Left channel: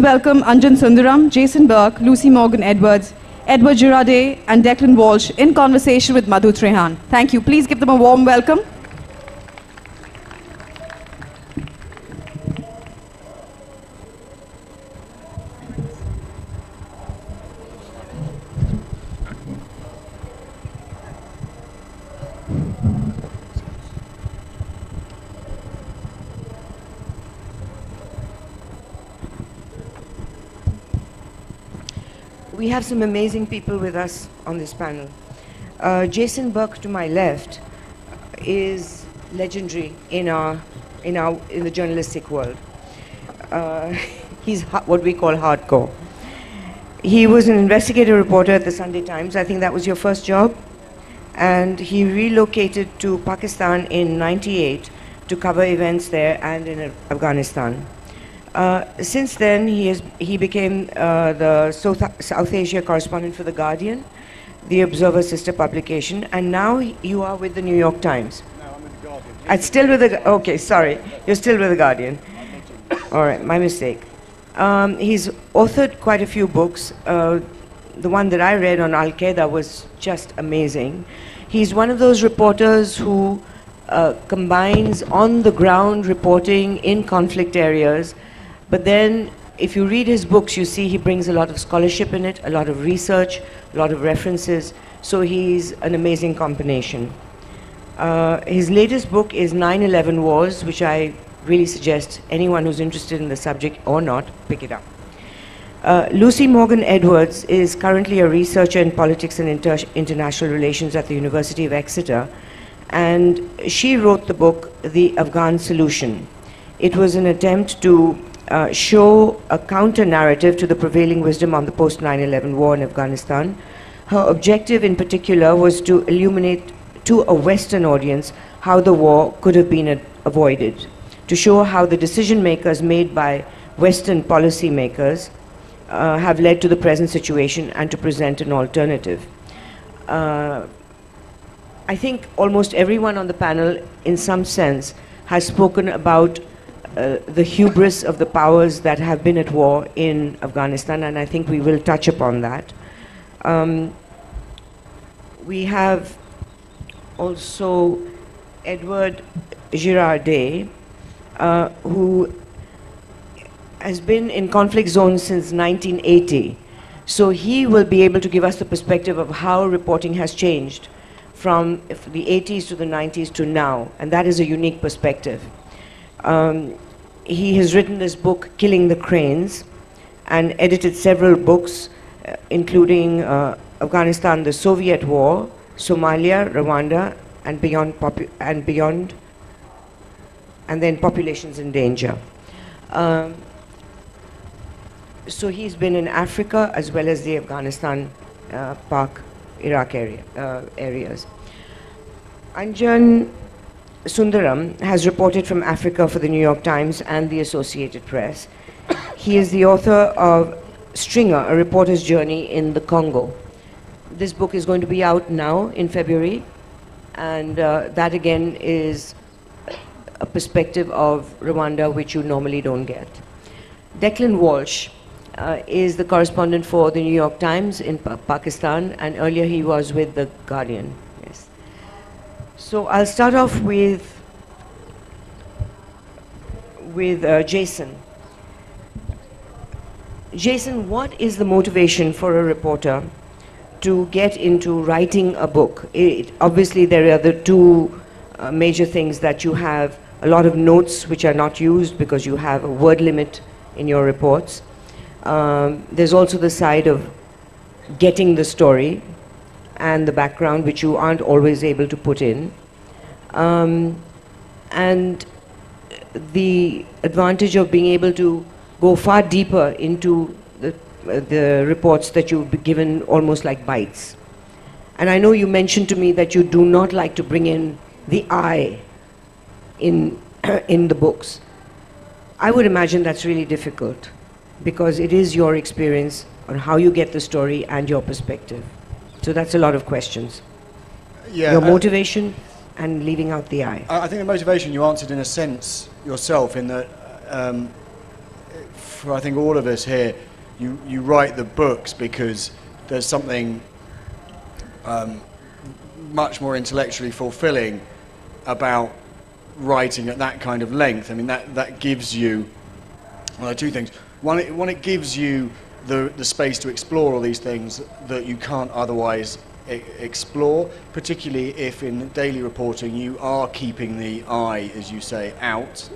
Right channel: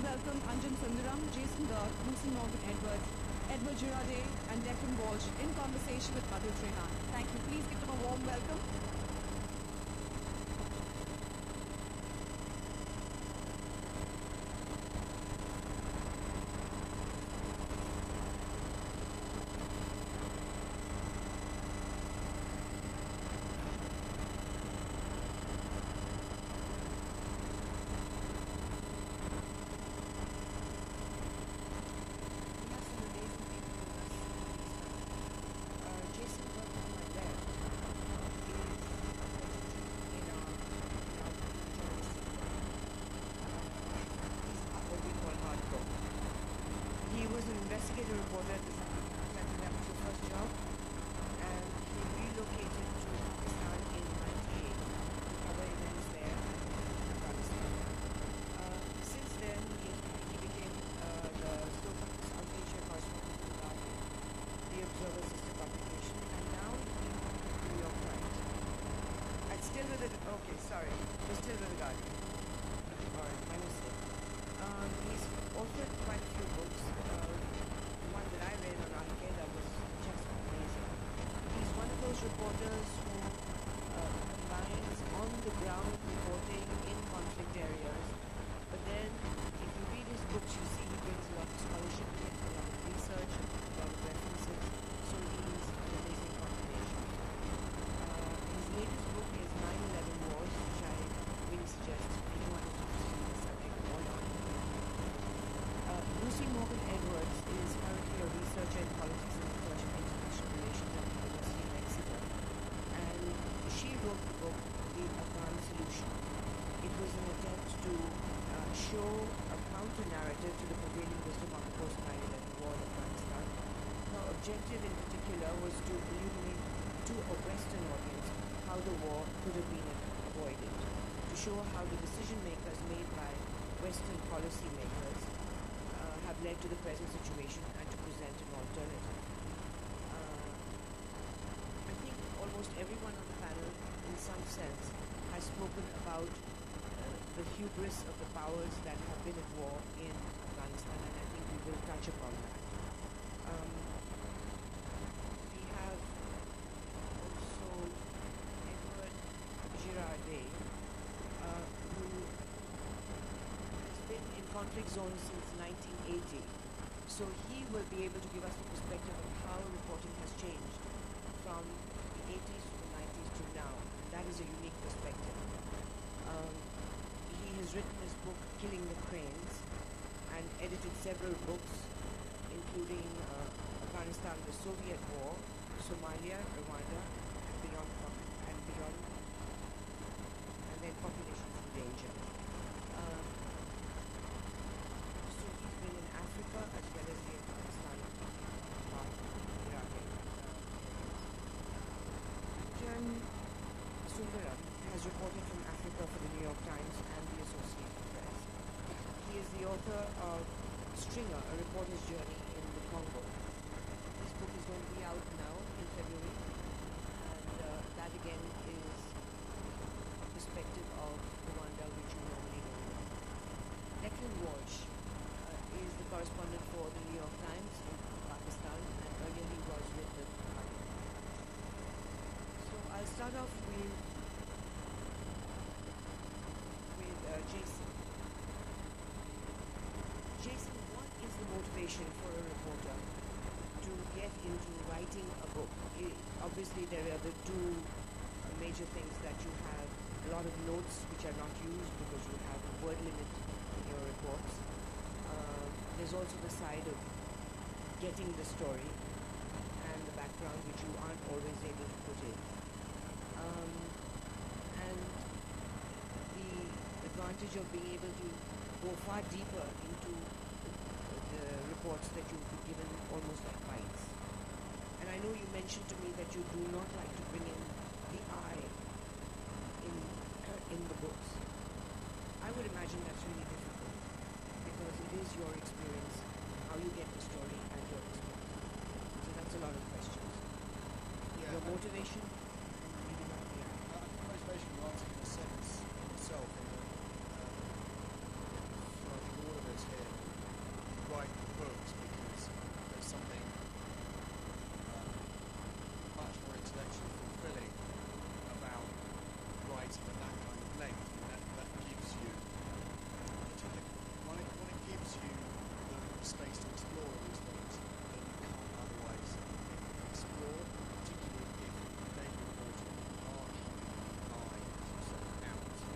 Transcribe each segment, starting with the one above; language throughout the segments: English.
Welcome Anjan Sundaram, Jason Burke, Lucy Morgan Edwards, Edward Girardet, and Declan Walsh in conversation with Madhu Trehan. Thank you. Please give them a warm welcome. We have some amazing people with us on this panel. Jason Burke to my left is legendary in the journalistic world. He's what we call hardcore. He was an investigative reporter at the Sunday Times. I think that was your first job. And he relocated to Pakistan in '98 to cover events there and in Afghanistan. Since then, he became the South Asia correspondent for The Guardian, the Observer sister publication, and now you are with the New York Times. No, I'm with The Guardian. I'm still with the, okay, sorry, you're still with The Guardian. All right, my mistake. He's authored quite a few books. The one that I read on Al-Qaeda was just amazing. He's one of those reporters who combines on-the-ground reporting in conflict areas. But then, if you read his books, you see he brings a lot of scholarship in it, a lot of research, a lot of references. So he's an amazing combination. His latest book is 9/11 Wars, which I really suggest anyone who's interested in the subject or not, pick it up. Lucy Morgan Edwards is currently a researcher in politics and international relations at the University of Exeter. And she wrote the book, The Afghan Solution. It was an attempt to show a counter-narrative to the prevailing wisdom on the post-9/11 war in Afghanistan. Her objective in particular was to illuminate to a Western audience how the war could have been avoided, to show how the decision makers made by Western policymakers have led to the present situation and to present an alternative. I think almost everyone on the panel, in some sense, has spoken about the hubris of the powers that have been at war in Afghanistan, and I think we will touch upon that. We have also Edward Girardet, who has been in conflict zones since 1980. So he will be able to give us the perspective of how reporting has changed from the 80s to the 90s to now, and that is a unique perspective. He has written this book, Killing the Cranes, and edited several books, including Afghanistan, the Soviet War, Somalia, Rwanda, and beyond, and then Populations in Danger. So he's been in Africa as well as the Afghanistan, Pak, Iraq areas. Anjan Sundaram has reported from Africa for the New York Times and the Associated Press. He is the author of Stringer, A Reporter's Journey in the Congo. This book is going to be out now in February, and that again is a perspective of Rwanda which you normally don't get. Declan Walsh is the correspondent for the New York Times in Pakistan, and earlier he was with The Guardian. Yes. So I'll start off with Jason. Jason, what is the motivation for a reporter to get into writing a book? Obviously, there are the two major things that you have a lot of notes which are not used because you have a word limit in your reports. There's also the side of getting the story and the background which you aren't always able to put in. And the advantage of being able to go far deeper into the reports that you've been given almost like bites. And I know you mentioned to me that you do not like to bring in the I in the books. I would imagine that's really difficult because it is your experience on how you get the story and your perspective. So that's a lot of questions. Yeah, your motivation and leaving out the I. I think the motivation you answered in a sense yourself, in that for I think all of us here, you write the books because there's something much more intellectually fulfilling about writing at that kind of length. I mean, that gives you, well, two things. One, it gives you the space to explore all these things that you can't otherwise explore, particularly if in daily reporting you are keeping the eye, as you say, out.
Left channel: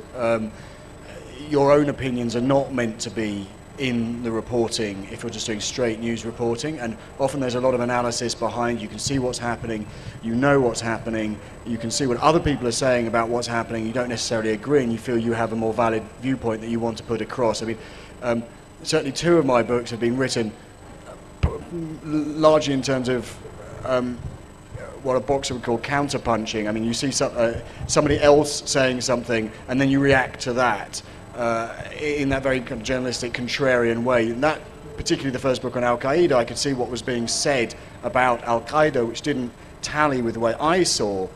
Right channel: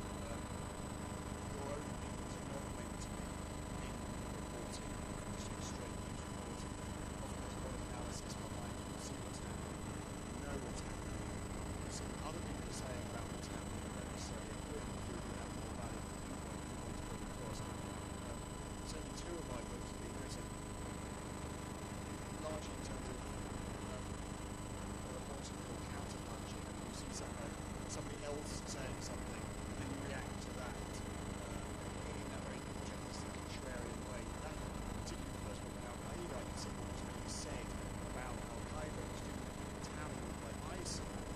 Your own opinions are not meant to be in the reporting if you're just doing straight news reporting, and often there's a lot of analysis behind. You can see what's happening, you know what's happening, you can see what other people are saying about what's happening. You don't necessarily agree, and you feel you have a more valid viewpoint that you want to put across. I mean, certainly two of my books have been written largely in terms of what a boxer would call counterpunching. I mean, you see somebody else saying something, and then you react to that in that very kind of journalistic, contrarian way. And that, particularly the first book on Al-Qaeda, I could see what was being said about Al-Qaeda, which didn't tally with the way I saw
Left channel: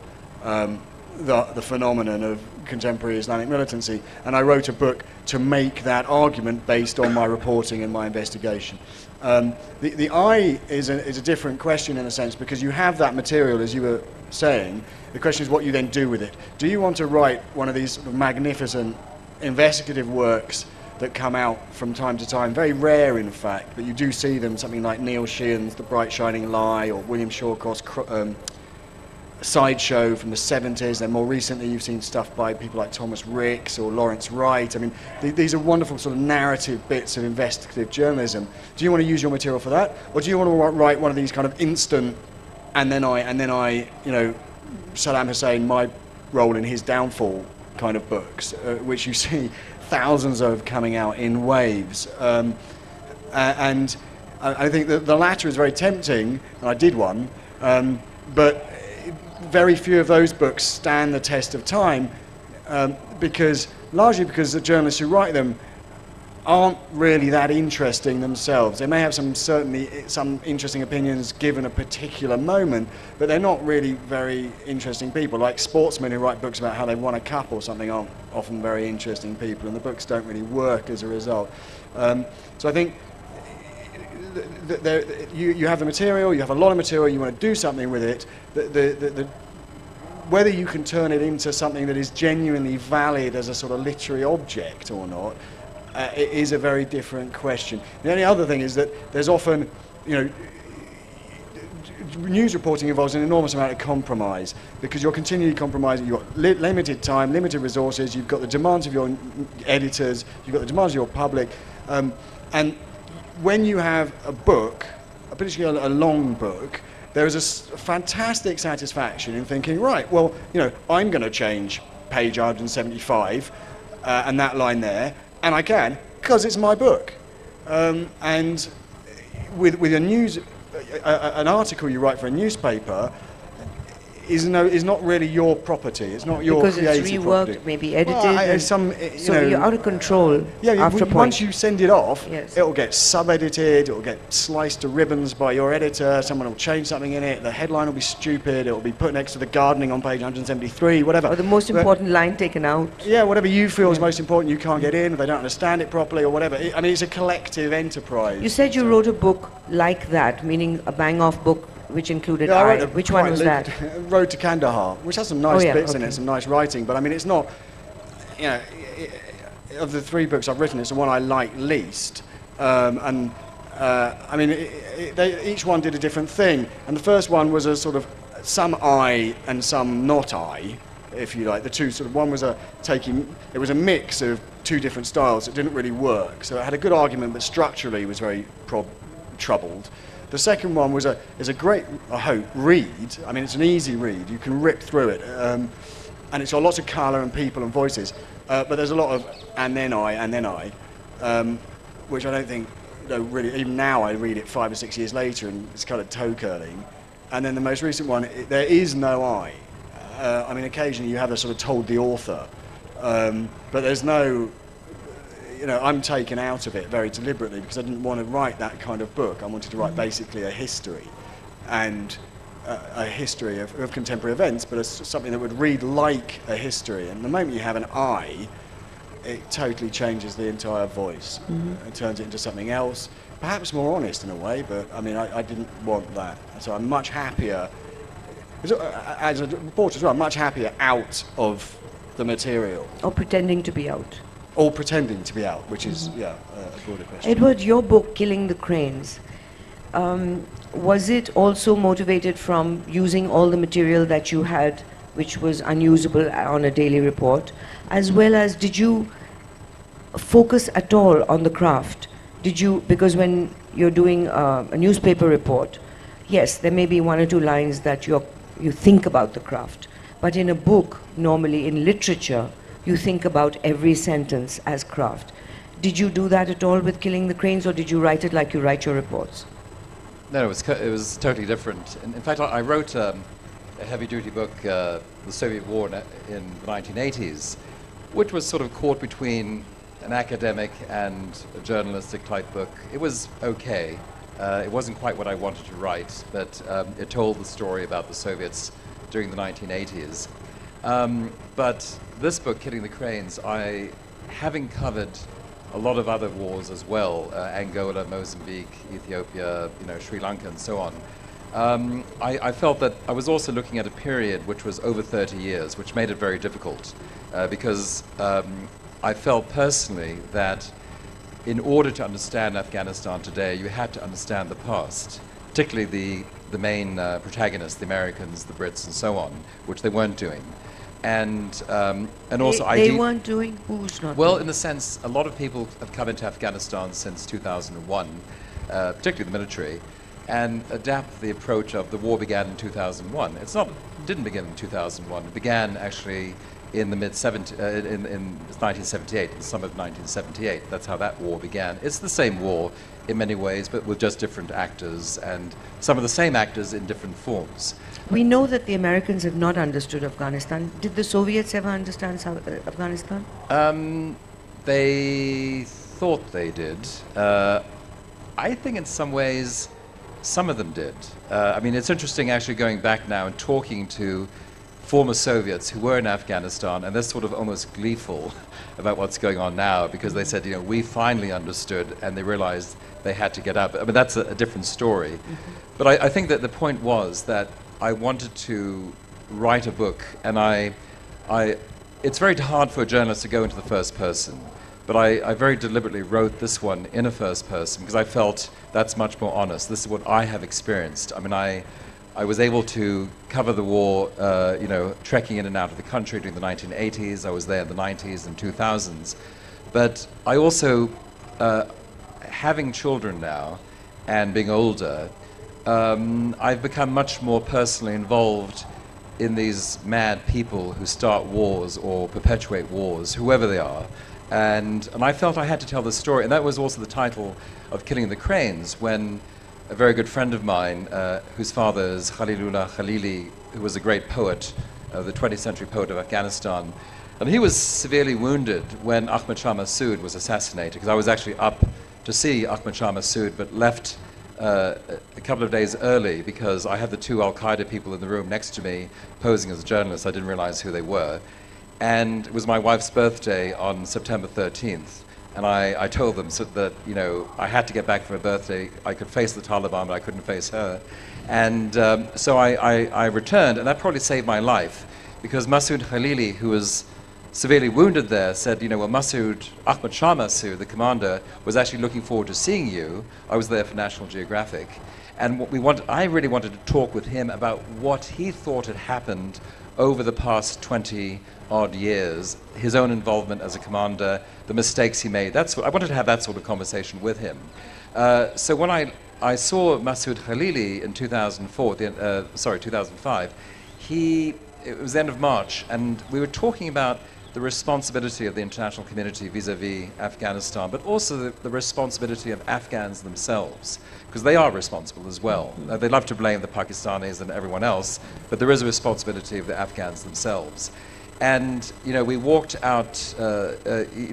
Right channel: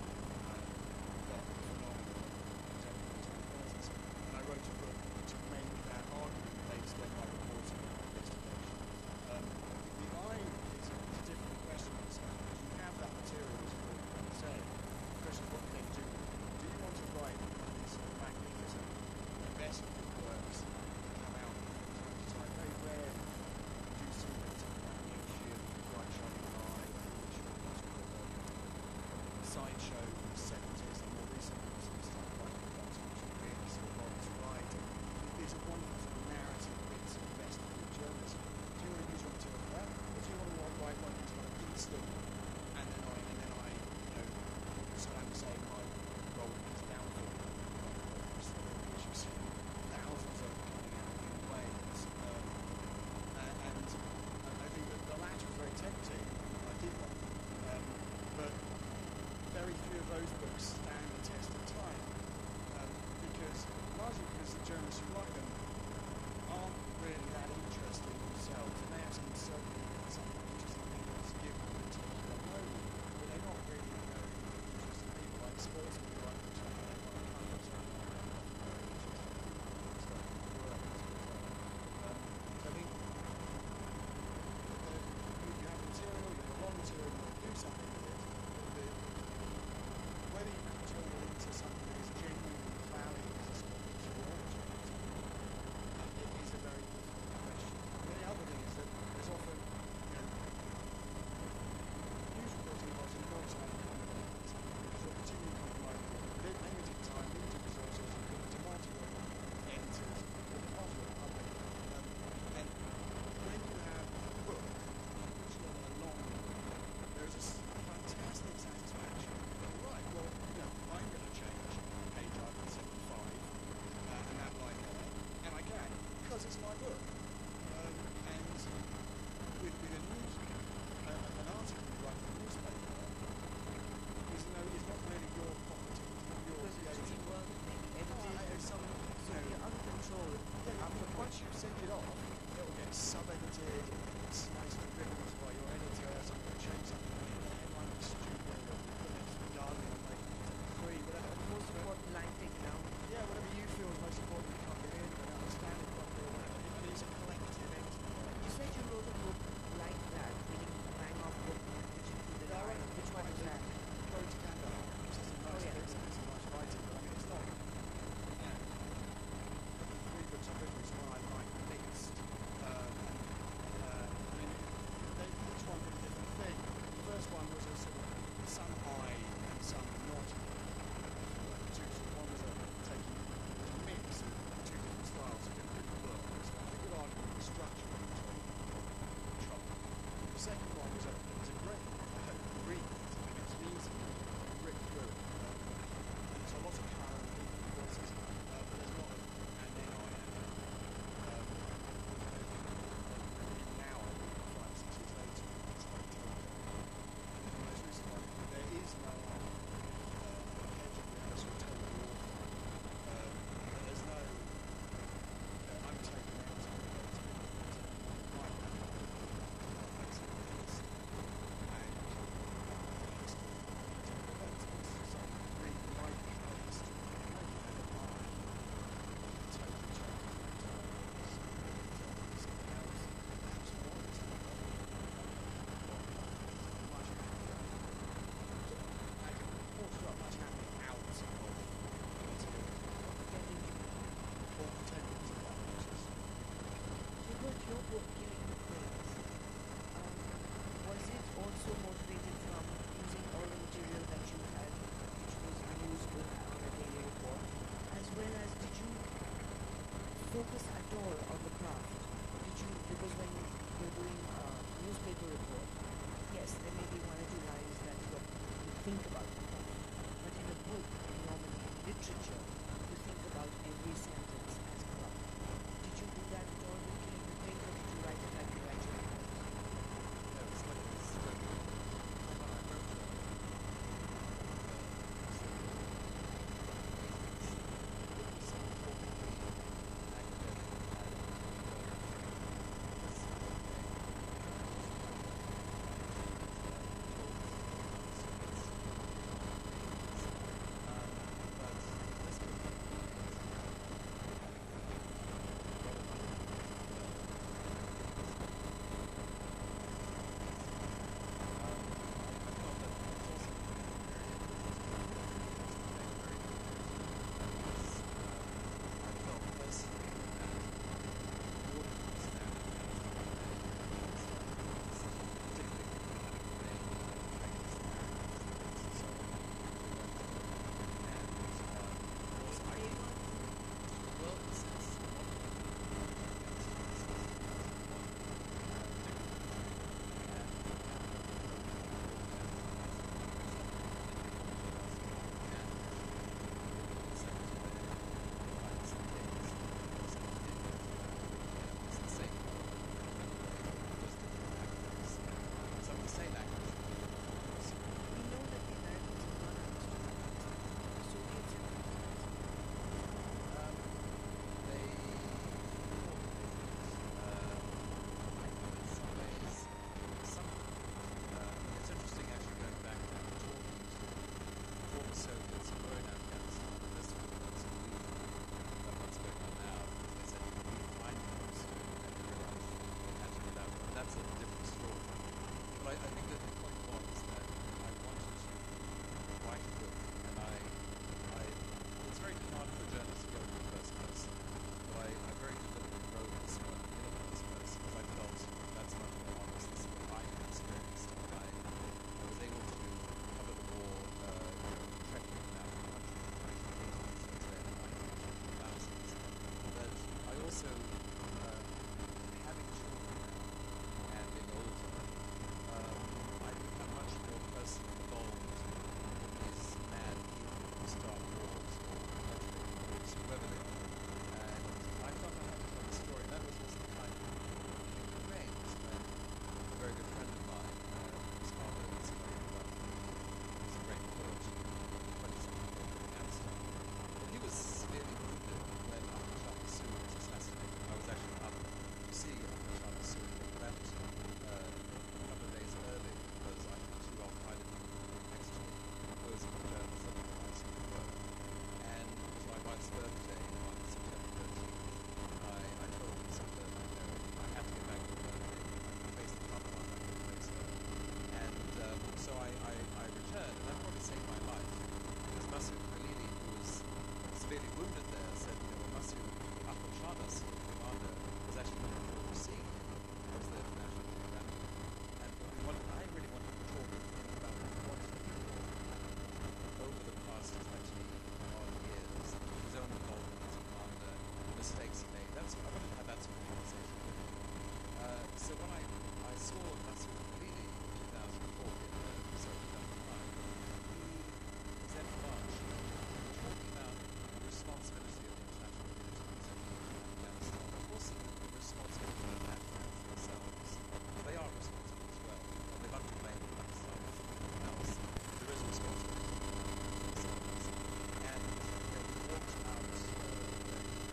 the phenomenon of contemporary Islamic militancy. And I wrote a book to make that argument based on my reporting and my investigation. The eye is a different question in a sense, because you have that material, as you were saying. The question is what you then do with it. Do you want to write one of these magnificent investigative works that come out from time to time, very rare in fact, but you do see them, something like Neil Sheehan's The Bright Shining Lie, or William Shawcroft's Sideshow from the 70s, and more recently you've seen stuff by people like Thomas Ricks or Lawrence Wright. I mean, these are wonderful sort of narrative bits of investigative journalism. Do you want to use your material for that, or do you want to write one of these kind of instant, and then I, you know, Saddam Hussein, my role in his downfall kind of books, which you see thousands of coming out in waves, and I think that the latter is very tempting, and I did one, but very few of those books stand the test of time, largely because the journalists who write them aren't really that interesting themselves. They may have some interesting opinions given a particular moment, but they're not really very interesting people. Like sportsmen who write books about how they won a cup or something aren't often very interesting people, and the books don't really work as a result. So I think you have the material, you have a lot of material, you want to do something with it. Whether you can turn it into something that is genuinely valid as a sort of literary object or not, it is a very different question. The only other thing is that there's often, you know, news reporting involves an enormous amount of compromise, because you're continually compromising. You've got limited time, limited resources, you've got the demands of your editors, you've got the demands of your public, and when you have a book, particularly a long book, there is a fantastic satisfaction in thinking, right, well, you know, I'm going to change page 175 and that line there, and I can, because it's my book. And with an article you write for a newspaper is not really your property. It's not your because creative it's reworked, property. maybe edited. Well, you're out of control. Yeah, after a point. once you send it off, Yes. it'll get sub-edited, it'll get sliced to ribbons by your editor, someone will change something in it, the headline will be stupid, it'll be put next to the gardening on page 173, whatever. Or the most important line taken out. Yeah, whatever you feel is most important, you can't get in, they don't understand it properly or whatever. I mean, it's a collective enterprise. You said you wrote a book like that, meaning a bang-off book which included Yeah, I wrote I. a Which one quite was li- that? Road to Kandahar, which has some nice Oh, yeah, bits in okay. it, some nice writing, but I mean, it's not, you know, of the three books I've written, it's the one I like least. I mean, each one did a different thing, and the first one was a sort of some I and some not I, if you like. The two sort of, one was it was a mix of two different styles that didn't really work, so it had a good argument, but structurally was very troubled. The second one is a great, I hope, read. I mean, it's an easy read. You can rip through it. And it's got lots of colour and people and voices. But there's a lot of and then I, which I don't think, really, even now I read it 5 or 6 years later and it's kind of toe-curling. And then the most recent one, there is no I. I mean, occasionally you have a sort of told the author. But there's no... You know, I'm taken out of it very deliberately because I didn't want to write that kind of book. I wanted to write basically a history, and a history of contemporary events, but something that would read like a history. And the moment you have an I, it totally changes the entire voice and turns it into something else, perhaps more honest in a way, but I mean, I didn't want that. So I'm much happier, as a reporter as well, I'm much happier out of the material. Or pretending to be out. Or pretending to be out, which is, yeah, a broader question. Edward, your book, Killing the Cranes, was it also motivated from using all the material that you had, which was unusable on a daily report, as well as did you focus at all on the craft? Did you, because when you're doing a newspaper report, yes, there may be one or two lines that you think about the craft, but in a book, normally in literature, you think about every sentence as craft. Did you do that at all with Killing the Cranes, or did you write it like you write your reports? No, it was totally different. In fact, I wrote a heavy-duty book, The Soviet War in the 1980s, which was sort of caught between an academic and a journalistic type book. It was okay. It wasn't quite what I wanted to write, but it told the story about the Soviets during the 1980s. But this book, Killing the Cranes, having covered a lot of other wars as well, Angola, Mozambique, Ethiopia, Sri Lanka and so on, I felt that I was also looking at a period which was over 30 years, which made it very difficult, because I felt personally that in order to understand Afghanistan today, you had to understand the past, particularly the main protagonists, the Americans, the Brits and so on, which they weren't doing. And also they weren't doing? Who's not well, doing? in the sense, a lot of people have come into Afghanistan since 2001, particularly the military, and adapt the approach of the war began in 2001. Didn't begin in 2001. It began actually in the in 1978, the summer of 1978. That's how that war began. It's the same war in many ways, but with just different actors, and some of the same actors in different forms. We know that the Americans have not understood Afghanistan. Did the Soviets ever understand Afghanistan? They thought they did. I think in some ways, some of them did. I mean, it's interesting actually going back now and talking to former Soviets who were in Afghanistan, and they're sort of almost gleeful about what's going on now, because they said, we finally understood, and they realized they had to get up. I mean, that's a different story. But I think that the point was that I wanted to write a book, and it's very hard for a journalist to go into the first person, but I very deliberately wrote this one in a first person because I felt that's much more honest. This is what I have experienced. I mean, I was able to cover the war, trekking in and out of the country during the 1980s. I was there in the 90s and 2000s. But I also, having children now and being older, I've become much more personally involved in these mad people who start wars or perpetuate wars, whoever they are. And I felt I had to tell the story. And that was also the title of Killing the Cranes, when a very good friend of mine, whose father is Khalilullah Khalili, who was a great poet, the 20th century poet of Afghanistan, and he was severely wounded when Ahmad Shah Massoud was assassinated, because I was actually up to see Ahmad Shah Massoud, but left a couple of days early because I had the two Al-Qaeda people in the room next to me posing as journalists. I didn't realize who they were. And it was my wife's birthday on September 13th. And I told them that, I had to get back for her birthday. I could face the Taliban, but I couldn't face her. And so I returned, and that probably saved my life, because Massoud Khalili, who was severely wounded there, said, well, Ahmad Shah Massoud, the commander, was actually looking forward to seeing you. I was there for National Geographic. And I really wanted to talk with him about what he thought had happened over the past 20-odd years, his own involvement as a commander, the mistakes he made. I wanted to have that sort of conversation with him. So when I saw Massoud Khalili in 2005, it was the end of March, and we were talking about the responsibility of the international community vis-a-vis Afghanistan, but also the responsibility of Afghans themselves, because they are responsible as well. They love to blame the Pakistanis and everyone else, but there is a responsibility of the Afghans themselves. And we walked out.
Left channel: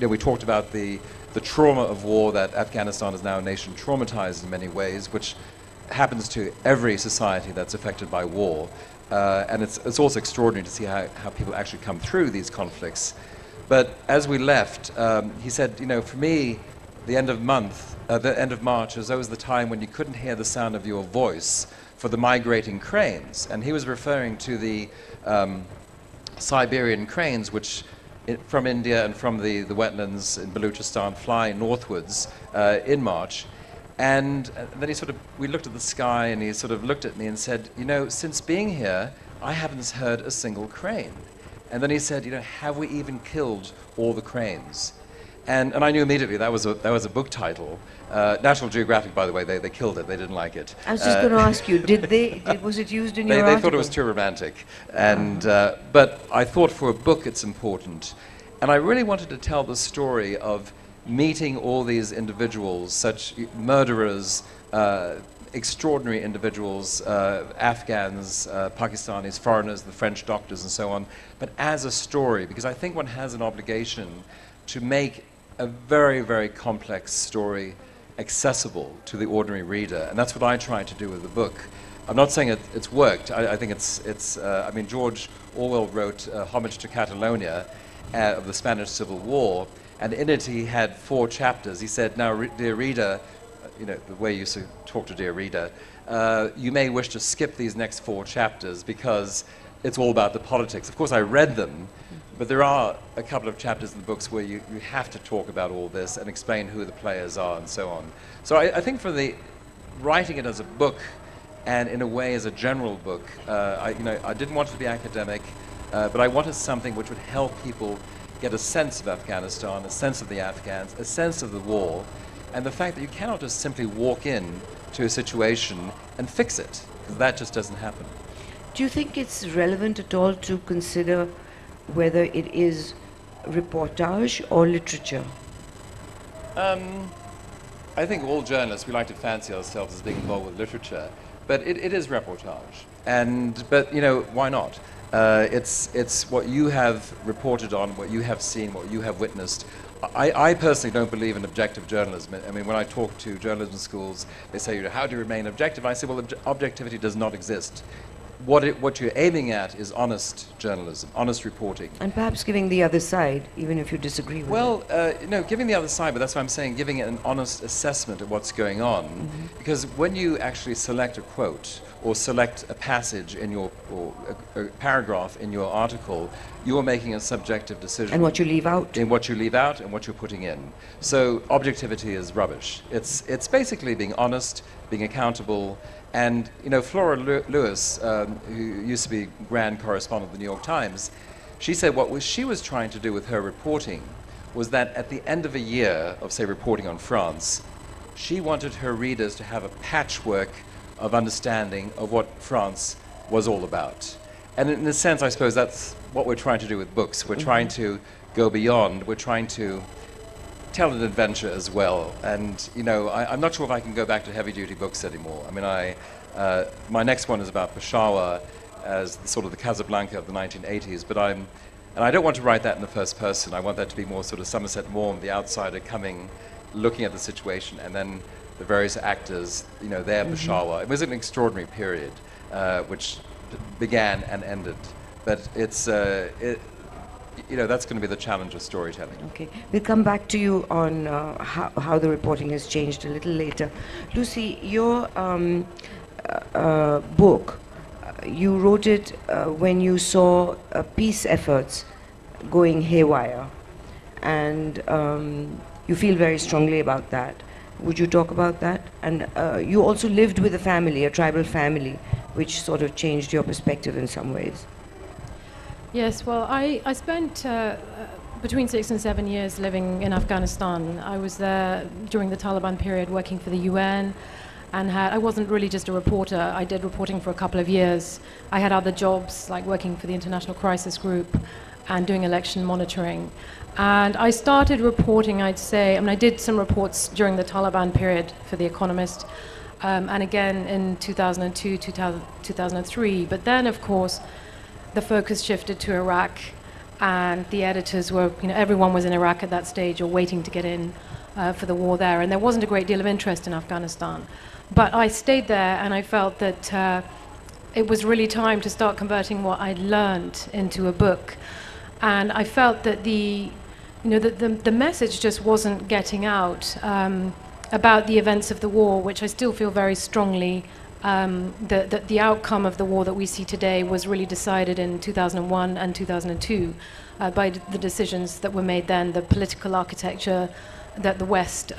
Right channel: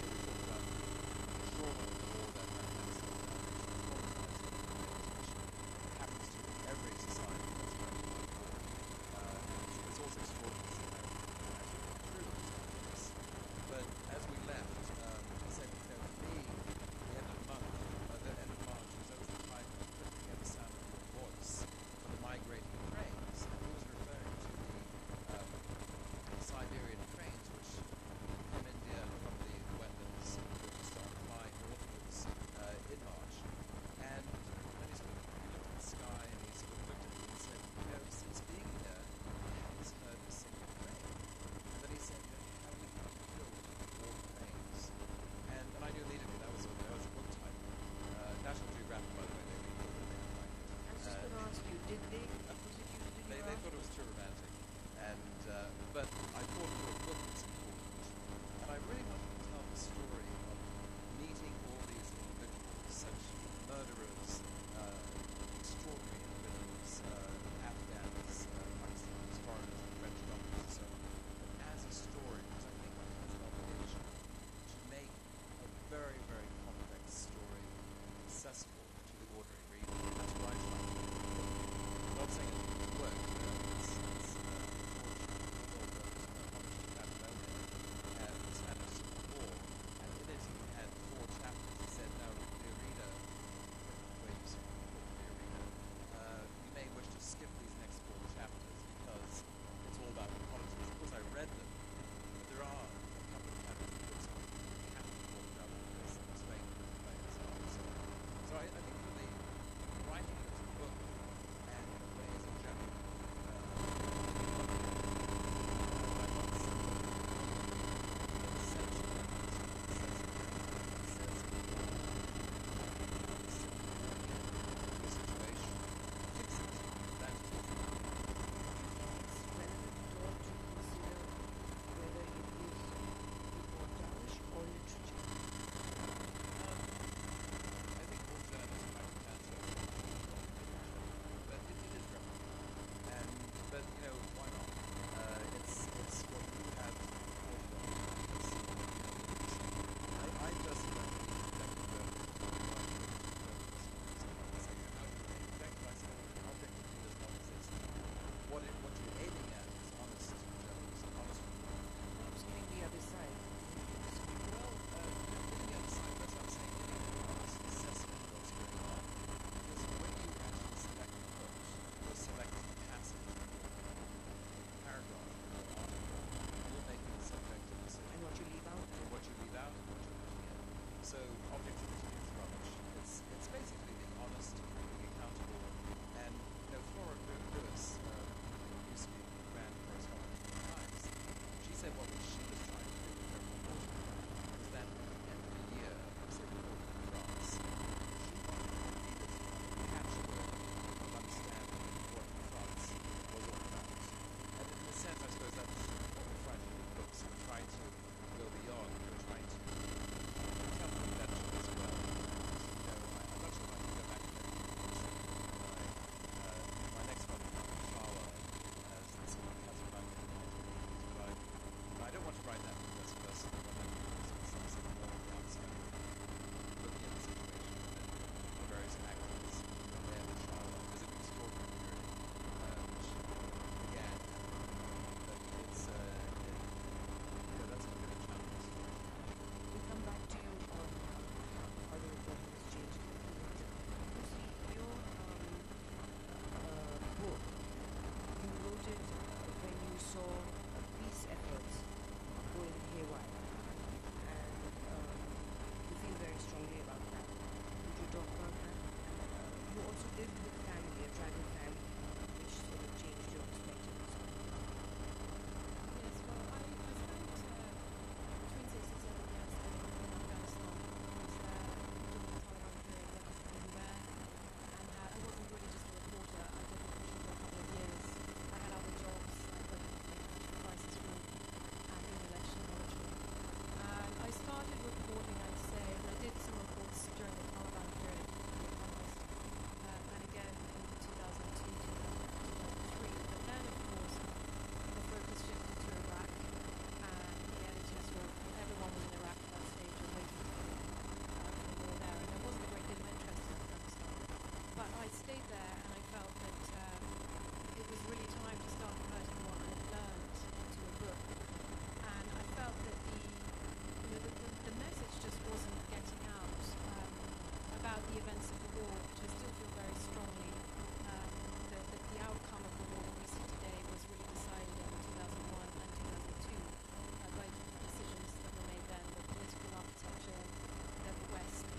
We talked about the trauma of war, that Afghanistan is now a nation traumatized in many ways, which happens to every society that's affected by war. And it's also extraordinary to see how people actually come through these conflicts. But as we left, he said, you know, for me, the end of March is always the time when you couldn't hear the sound of your voice for the migrating cranes. And he was referring to the Siberian cranes, which from India and from the wetlands in Baluchistan fly northwards in March. And then we looked at the sky, and he sort of looked at me and said, you know, since being here, I haven't heard a single crane. And then he said, you know, have we even killed all the cranes? And I knew immediately that was a book title. National Geographic, by the way, they killed it. They didn't like it. I was just going to ask you, was it used in your article? They thought it was too romantic. And, but I thought for a book it's important. And I really wanted to tell the story of meeting all these individuals, such murderers, extraordinary individuals, Afghans, Pakistanis, foreigners, the French doctors and so on, but as a story, because I think one has an obligation to make a very, very complex story accessible to the ordinary reader, and that's what I try to do with the book. I'm not saying it's worked. I think I mean, George Orwell wrote Homage to Catalonia of the Spanish Civil War, and in it he had 4 chapters. He said, now, dear reader, you know, the way you used to talk to dear reader, you may wish to skip these next 4 chapters because it's all about the politics. Of course, I read them, but there are a couple of chapters in the books where you have to talk about all this and explain who the players are and so on. So I think for the writing it as a book, and in a way as a general book, I didn't want it to be academic, but I wanted something which would help people get a sense of Afghanistan, a sense of the Afghans, a sense of the war, and the fact that you cannot just simply walk in to a situation and fix it, because that just doesn't happen. Do you think it's relevant at all to consider whether it is reportage or literature? I think all journalists, we like to fancy ourselves as being involved with literature, but it is reportage. But you know, why not? It's what you have reported on, what you have seen, what you have witnessed. I personally don't believe in objective journalism. I mean, when I talk to journalism schools, they say, you know, how do you remain objective? I say, well, objectivity does not exist. What you're aiming at is honest journalism, honest reporting. And perhaps giving the other side, even if you disagree with it. Well, no, giving the other side, but that's why I'm saying giving it an honest assessment of what's going on. Mm-hmm. Because when you actually select a quote or select a passage in your, or a paragraph in your article, you are making a subjective decision. And what you leave out. In what you leave out and what you're putting in. So objectivity is rubbish. It's basically being honest, being accountable. And, you know, Flora Lewis, who used to be grand correspondent of the New York Times, she said what she was trying to do with her reporting was that at the end of a year of, say, reporting on France, she wanted her readers to have a patchwork of understanding of what France was all about. And in a sense, I suppose that's what we're trying to do with books. We're trying to go beyond. We're trying to tell an adventure as well. And, you know, I'm not sure if I can go back to heavy-duty books anymore. I mean, my next one is about Peshawar as sort of the Casablanca of the 1980s, but and I don't want to write that in the first person. I want that to be more sort of Somerset Maugham, the outsider coming, looking at the situation, and then the various actors, you know, their Peshawar. It was an extraordinary period, which began and ended. But it's, you know, that's going to be the challenge of storytelling. Okay, we'll come back to you on how the reporting has changed a little later. Lucy, your book, you wrote it when you saw peace efforts going haywire, and you feel very strongly about that. Would you talk about that? And you also lived with a family, a tribal family, which sort of changed your perspective in some ways. Yes, well, I spent between 6 and 7 years living in Afghanistan. I was there during the Taliban period working for the UN, and I wasn't really just a reporter. I did reporting for a couple of years. I had other jobs, like working for the International Crisis Group and doing election monitoring. And I started reporting, I'd say, I mean, I did some reports during the Taliban period for The Economist, and again in 2002, 2003. But then, of course, the focus shifted to Iraq, and the editors were, you know, everyone was in Iraq at that stage or waiting to get in for the war there, and there wasn't a great deal of interest in Afghanistan. But I stayed there, and I felt that it was really time to start converting what I'd learned into a book. And I felt that the message just wasn't getting out about the events of the war, which I still feel very strongly that the outcome of the war that we see today was really decided in 2001 and 2002 by the decisions that were made then, the political architecture that the West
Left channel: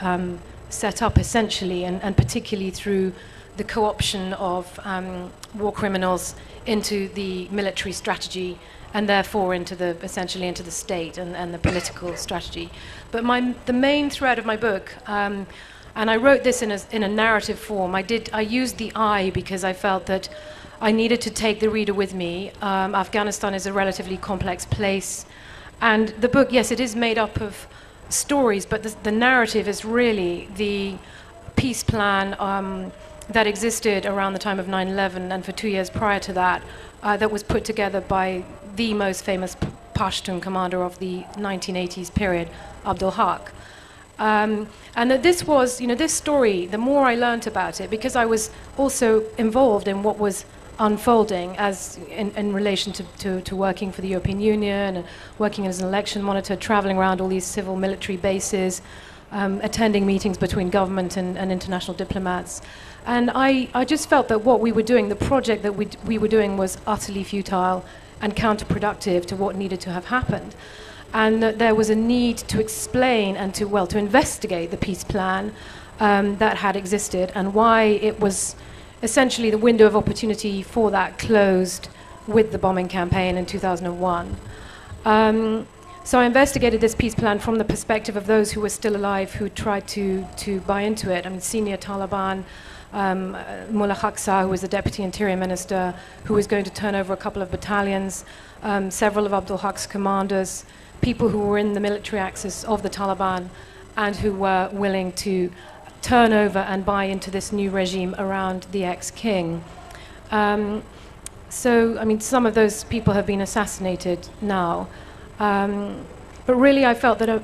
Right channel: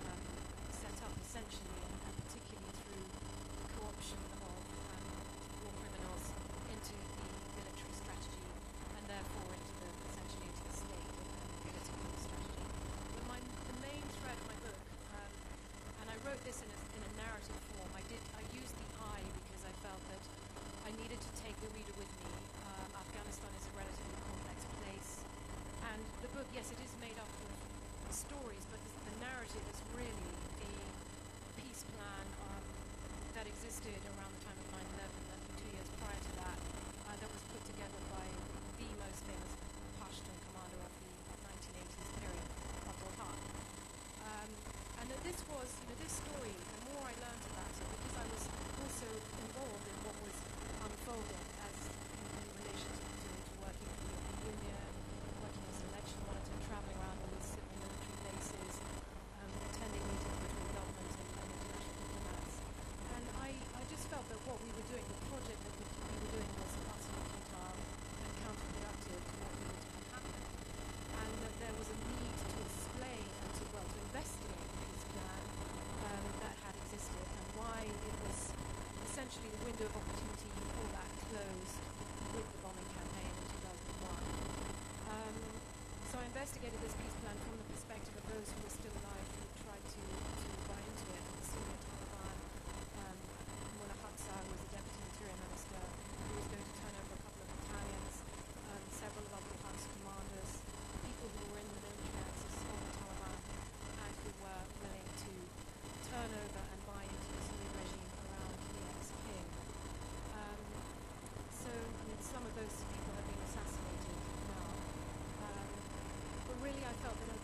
set up essentially, and particularly through the co-option of war criminals into the military strategy, and therefore essentially into the state and the political strategy. But the main thread of my book, and I wrote this in a narrative form. I used the I because I felt that I needed to take the reader with me. Afghanistan is a relatively complex place, and the book, yes, it is made up of stories, but the narrative is really the peace plan that existed around the time of 9/11 and for 2 years prior to that, that was put together by the most famous Pashtun commander of the 1980s period, Abdul Haq. And that this was, this story, the more I learnt about it, because I was also involved in what was unfolding as in relation to working for the European Union, and working as an election monitor, traveling around all these civil military bases, attending meetings between government and international diplomats. And I just felt that what we were doing, the project that we were doing, was utterly futile and counterproductive to what needed to have happened. And that there was a need to explain and to investigate the peace plan that had existed, and why it was essentially the window of opportunity for that closed with the bombing campaign in 2001. So I investigated this peace plan from the perspective of those who were still alive, who tried to buy into it. I mean, senior Taliban, Mullah Khaksa, who was the deputy interior minister, who was going to turn over a couple of battalions, several of Abdul Haq's commanders, people who were in the military axis of the Taliban, and who were willing to turn over and buy into this new regime around the ex-king. So, I mean, some of those people have been assassinated now. But really, I felt that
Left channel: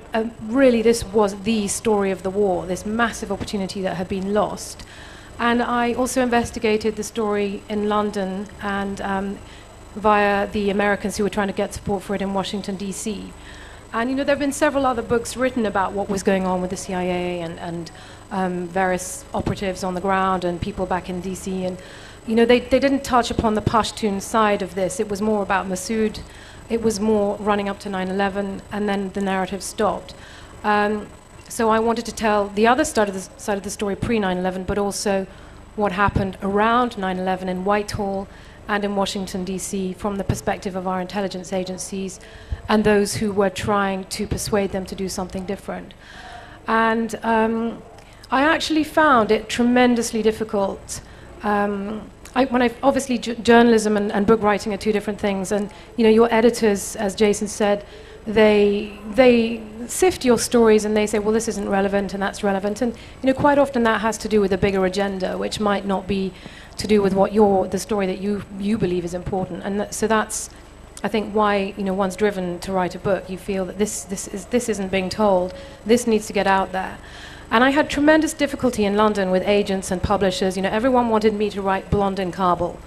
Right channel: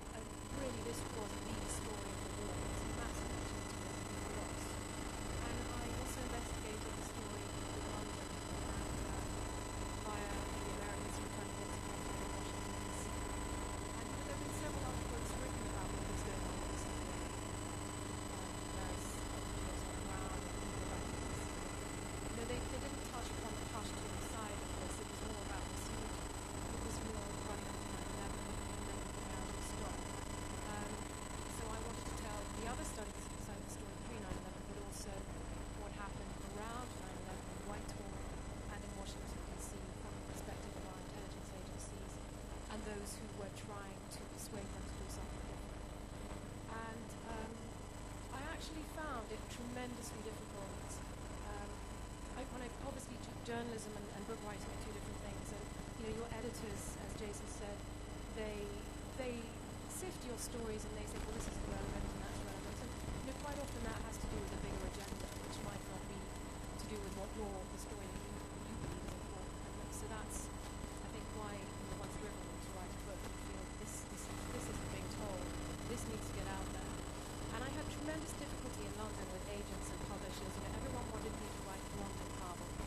really this was the story of the war, this massive opportunity that had been lost. And I also investigated the story in London and via the Americans who were trying to get support for it in Washington, D.C. And, there have been several other books written about what was going on with the CIA and various operatives on the ground and people back in D.C. And, they didn't touch upon the Pashtun side of this. It was more about Massoud. It was more running up to 9/11, and then the narrative stopped. So I wanted to tell the other side of the story pre-9/11, but also what happened around 9/11 in Whitehall and in Washington, D.C., from the perspective of our intelligence agencies and those who were trying to persuade them to do something different. And I actually found it tremendously difficult. Obviously, journalism and book writing are two different things, and your editors, as Jason said, they sift your stories and they say, well, this isn't relevant and that's relevant, and quite often that has to do with a bigger agenda, which might not be to do with what the story that you believe is important. And so that's, I think, why one's driven to write a book. You feel that this isn't being told. This needs to get out there. And I had tremendous difficulty in London with agents and publishers. Everyone wanted me to write Blonde in Kabul.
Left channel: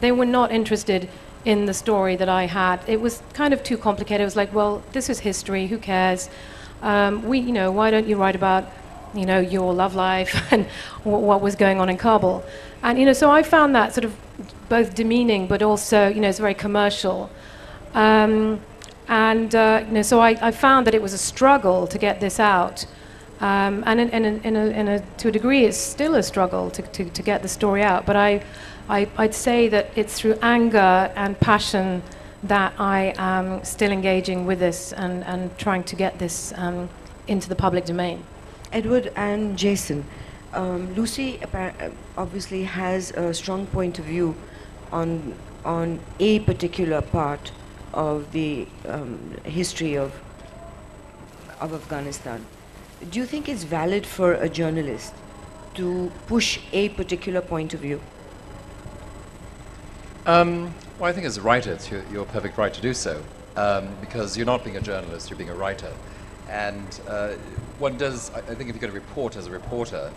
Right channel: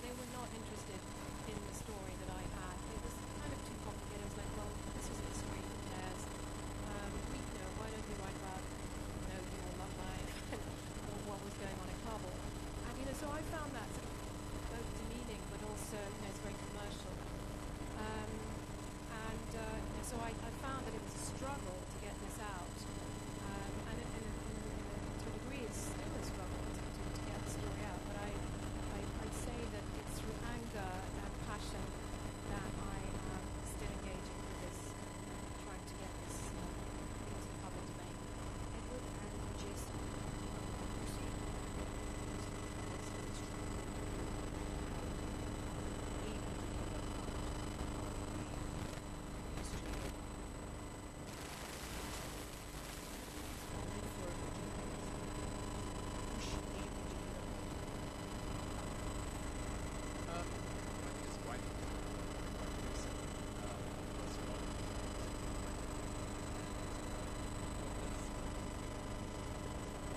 They were not interested in the story that I had. It was kind of too complicated. It was like, well, this is history. Who cares? Why don't you write about, your love life and what was going on in Kabul? And so I found that sort of both demeaning, but also, it's very commercial. So I found that it was a struggle to get this out. And to a degree, it's still a struggle to get the story out. But I'd say that it's through anger and passion that I am still engaging with this and trying to get this into the public domain. Edward and Jason, Lucy obviously has a strong point of view on a particular part of the history of Afghanistan. Do you think it's valid for a journalist to push a particular point of view? Well, I think as a writer, it's your perfect right to do so, because you're not being a journalist, you're being a writer. And one does, I think if you're going to report as a reporter,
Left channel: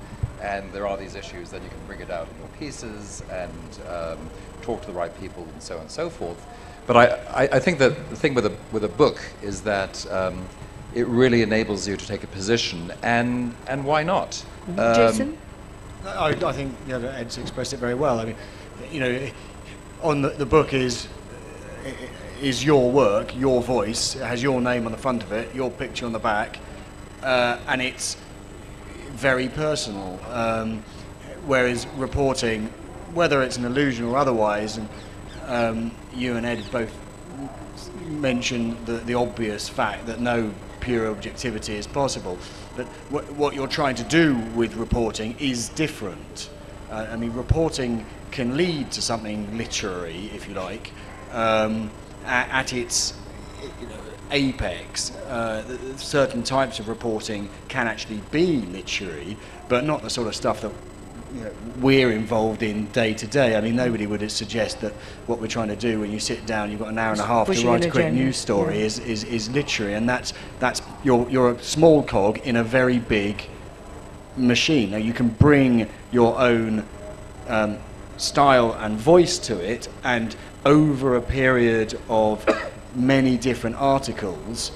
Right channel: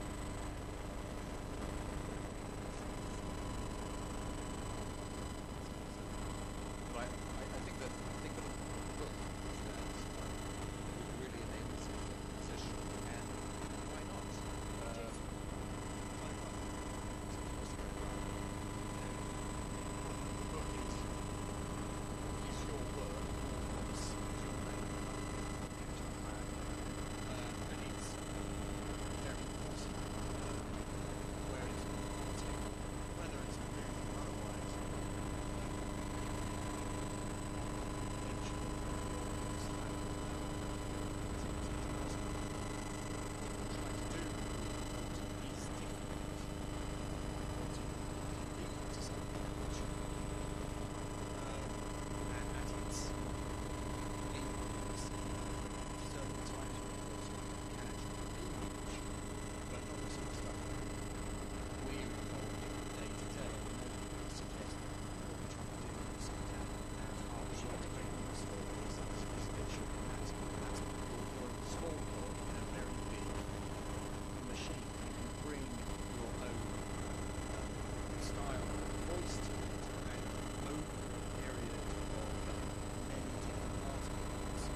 and there are these issues, then you can bring it out in your pieces and talk to the right people and so on and so forth. But I think that the thing with a book is that it really enables you to take a position, and why not? Jason? I think Ed's expressed it very well. I mean, on the book is your work, your voice. It has your name on the front of it, your picture on the back, and it's very personal. Whereas reporting, whether it's an illusion or otherwise, and you and Ed both mentioned the obvious fact that no pure objectivity is possible. But what you're trying to do with reporting is different. I mean, reporting can lead to something literary, if you like, at its apex. Certain types of reporting can actually be literary, but not the sort of stuff that we're involved in day to day. I mean, nobody would suggest that what we're trying to do when you sit down, you've got an hour and a half to write a quick news story is literary, and that's you're a small cog in a very big machine. Now you can bring your own style and voice to it, and over a period of many different articles,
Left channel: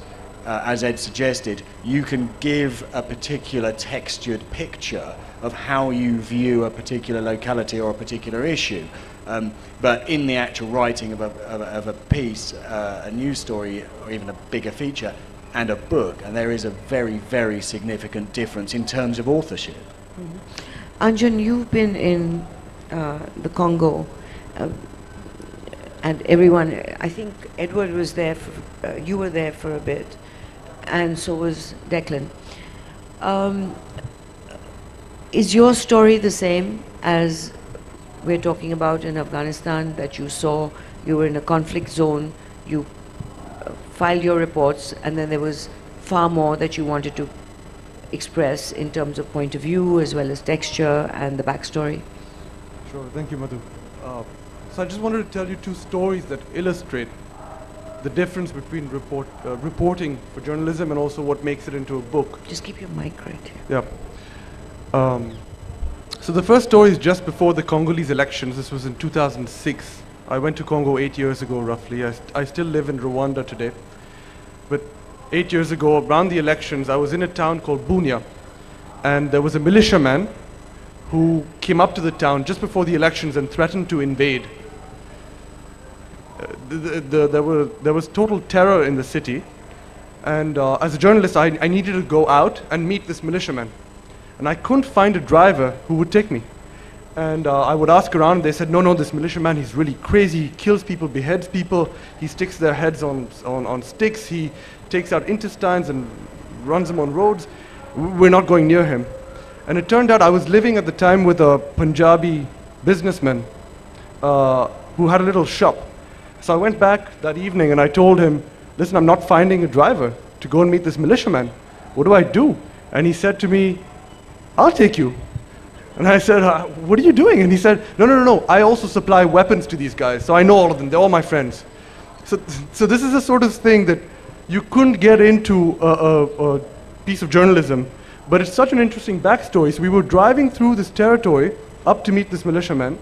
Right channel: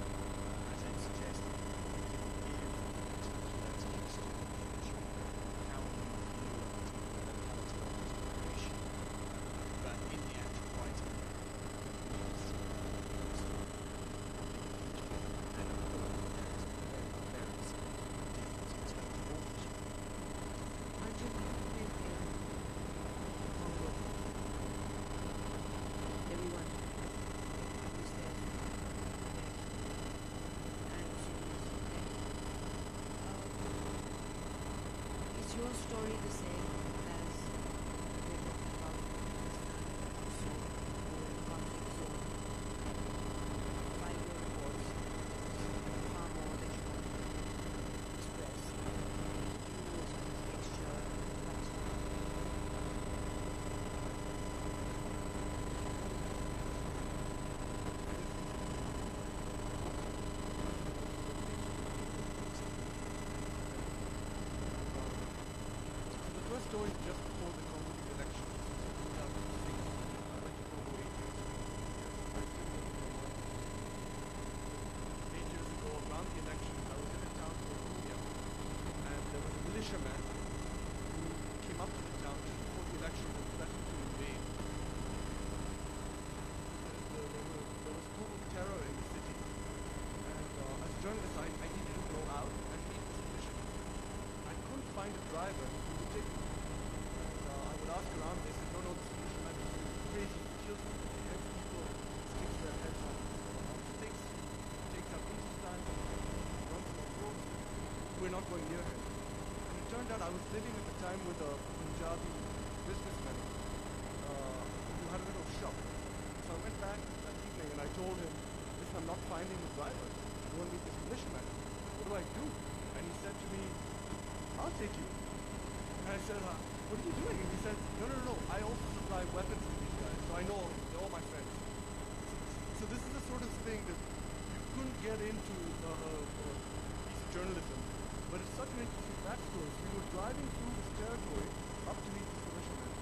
as Ed suggested, you can give a particular textured picture of how you view a particular locality or a particular issue. But in the actual writing of a piece, a news story, or even a bigger feature, and a book, and there is a very, very significant difference in terms of authorship. Anjan, you've been in the Congo, and everyone, I think Edward was there, you were there for a bit, and so was Declan. Is your story the same as we're talking about in Afghanistan, that you saw, you were in a conflict zone, you filed your reports, and then there was far more that you wanted to express in terms of point of view as well as texture and the backstory? Sure, thank you, Madhu. So I just wanted to tell you two stories that illustrate the difference between reporting for journalism and also what makes it into a book. Just keep your mic right here. Yeah. So the first story is just before the Congolese elections. This was in 2006. I went to Congo 8 years ago, roughly. I still live in Rwanda today. But 8 years ago, around the elections, I was in a town called Bunia. And there was a militiaman who came up to the town just before the elections and threatened to invade. There was total terror in the city. And as a journalist, I needed to go out and meet this militiaman. And I couldn't find a driver who would take me. And I would ask around, and they said, no, this militiaman, he's really crazy. He kills people, beheads people. He sticks their heads on sticks. He takes out intestines and runs them on roads. We're not going near him. And it turned out I was living at the time with a Punjabi businessman who had a little shop. So I went back that evening and I told him, listen, I'm not finding a driver to go and meet this militiaman. What do I do? And he said to me, I'll take you. And I said, what are you doing? And he said, no, I also supply weapons to these guys, so I know all of them, they're all my friends. So this is the sort of thing that you couldn't get into a piece of journalism, but it's such an interesting backstory. So we were driving through this territory up to meet this militiaman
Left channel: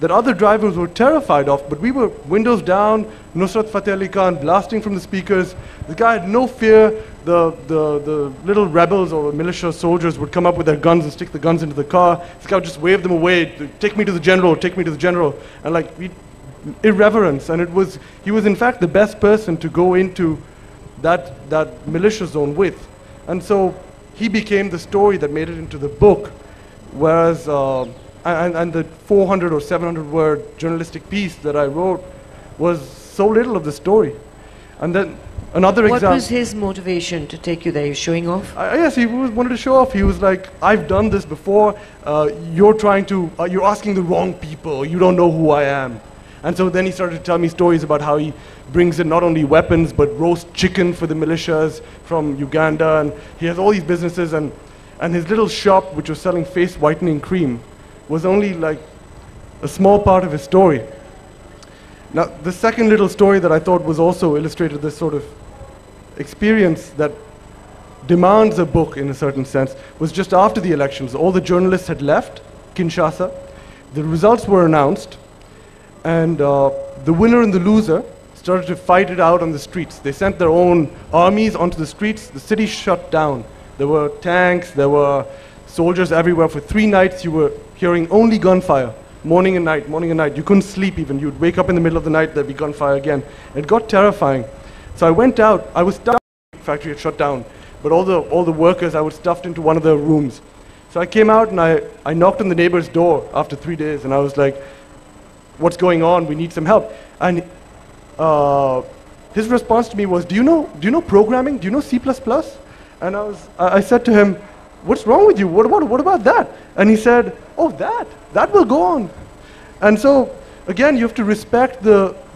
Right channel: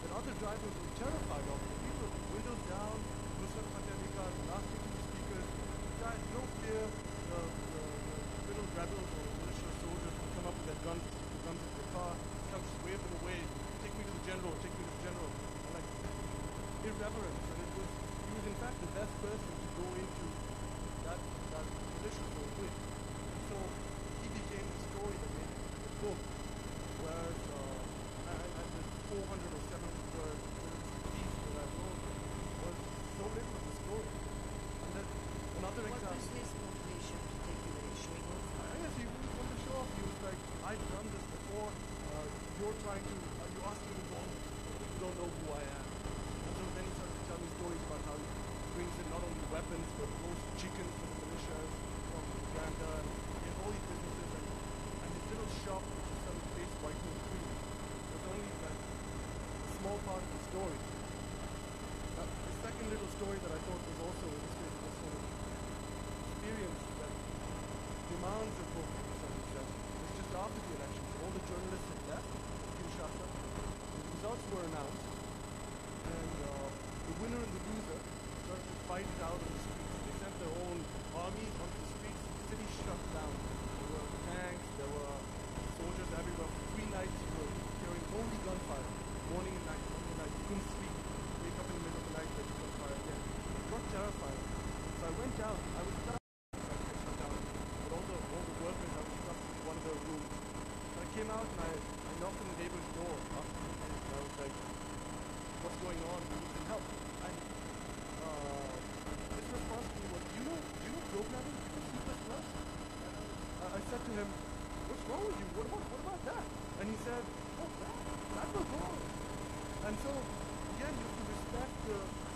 that other drivers were terrified of, but we were windows down, Nusrat Fateh Ali Khan blasting from the speakers. The guy had no fear. The little rebels or militia soldiers would come up with their guns and stick the guns into the car. This guy would just wave them away, take me to the general, take me to the general. And like, irreverence. And he was in fact the best person to go into that militia zone with. And so he became the story that made it into the book, whereas, and the 400 or 700 word journalistic piece that I wrote was so little of the story. And then another example. What was his motivation to take you there? You're showing off? Yes, he wanted to show off. He was like, I've done this before. You're asking the wrong people. You don't know who I am. And so then he started to tell me stories about how he brings in not only weapons, but roast chicken for the militias from Uganda. And he has all these businesses. And his little shop, which was selling face whitening cream, was only like a small part of his story. Now, the second little story that I thought was also illustrated this sort of experience that demands a book in a certain sense was just after the elections. All the journalists had left Kinshasa. The results were announced, and the winner and the loser started to fight it out on the streets. They sent their own armies onto the streets. The city shut down. There were tanks, there were soldiers everywhere. For 3 nights you were hearing only gunfire, morning and night, morning and night. You couldn't sleep even. You'd wake up in the middle of the night, there'd be gunfire again. It got terrifying. So I went out. I was stuck. The factory had shut down, but all the workers, I was stuffed into one of their rooms. So I came out and I knocked on the neighbor's door after 3 days, and I was like, what's going on? We need some help. And his response to me was, do you know programming? Do you know C++? And I said to him, what's wrong with you? What about that? And he said, oh, that will go on. And so, again, you have to respect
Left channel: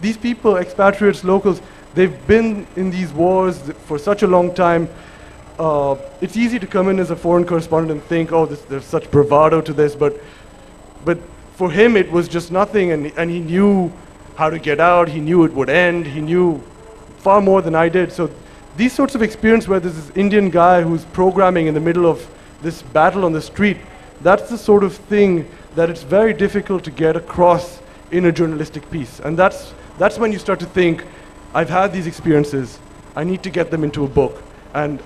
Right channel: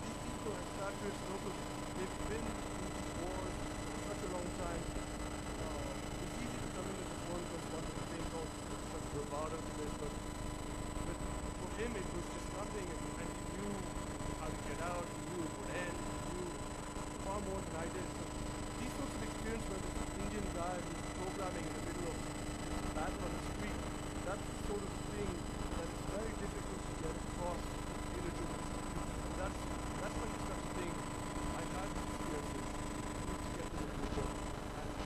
these people, expatriates, locals. They've been in these wars for such a long time. It's easy to come in as a foreign correspondent and think, oh, there's such bravado to this, but for him it was just nothing, and he knew how to get out, he knew it would end, he knew far more than I did. So these sorts of experience where there's this Indian guy who's programming in the middle of this battle on the street, that's the sort of thing that it's very difficult to get across in a journalistic piece. And that's when you start to think, I've had these experiences, I need to get them into a book. And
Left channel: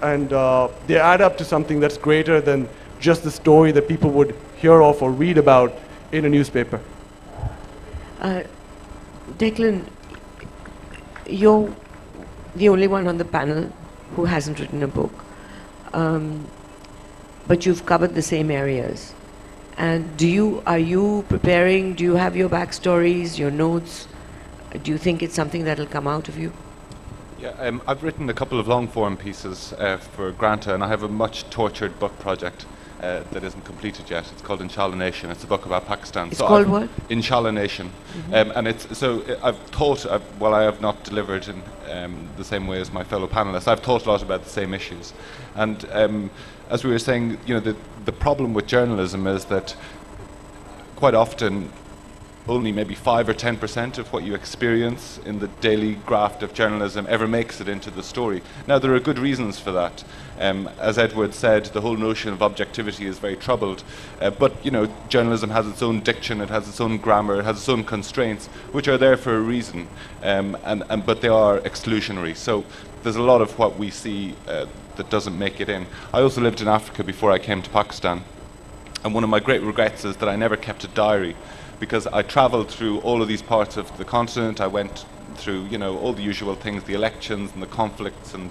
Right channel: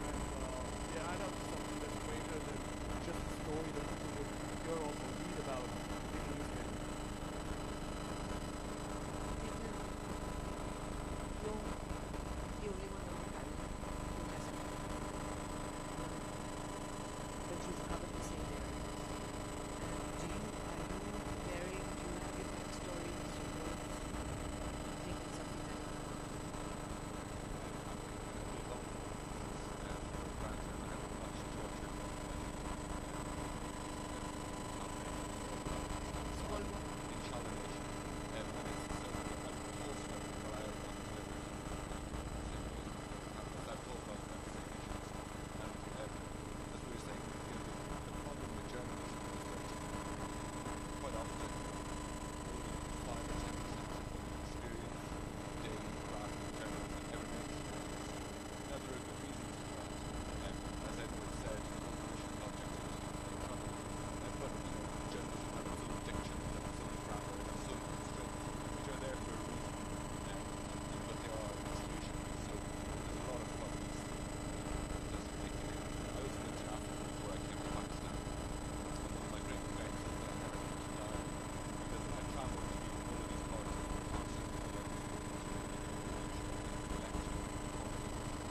they add up to something that's greater than just the story that people would hear of or read about in a newspaper. Declan, you're the only one on the panel who hasn't written a book. But you've covered the same areas. And are you preparing, do you have your backstories, your notes? Do you think it's something that'll come out of you? Yeah, I've written a couple of long-form pieces for Granta, and I have a much tortured book project that isn't completed yet. It's called Inshallah Nation. It's a book about Pakistan. It's called what? Inshallah Nation. And I've thought, while I have not delivered in the same way as my fellow panelists, I've thought a lot about the same issues. And as we were saying, the problem with journalism is that quite often only maybe 5 or 10% of what you experience in the daily graft of journalism ever makes it into the story. Now, there are good reasons for that. As Edward said, the whole notion of objectivity is very troubled. But journalism has its own diction, it has its own grammar, it has its own constraints, which are there for a reason. But they are exclusionary. So there's a lot of what we see that doesn't make it in. I also lived in Africa before I came to Pakistan. And one of my great regrets is that I never kept a diary, because I traveled through all of these parts of the continent. I went through, all the usual things, the elections and the conflicts and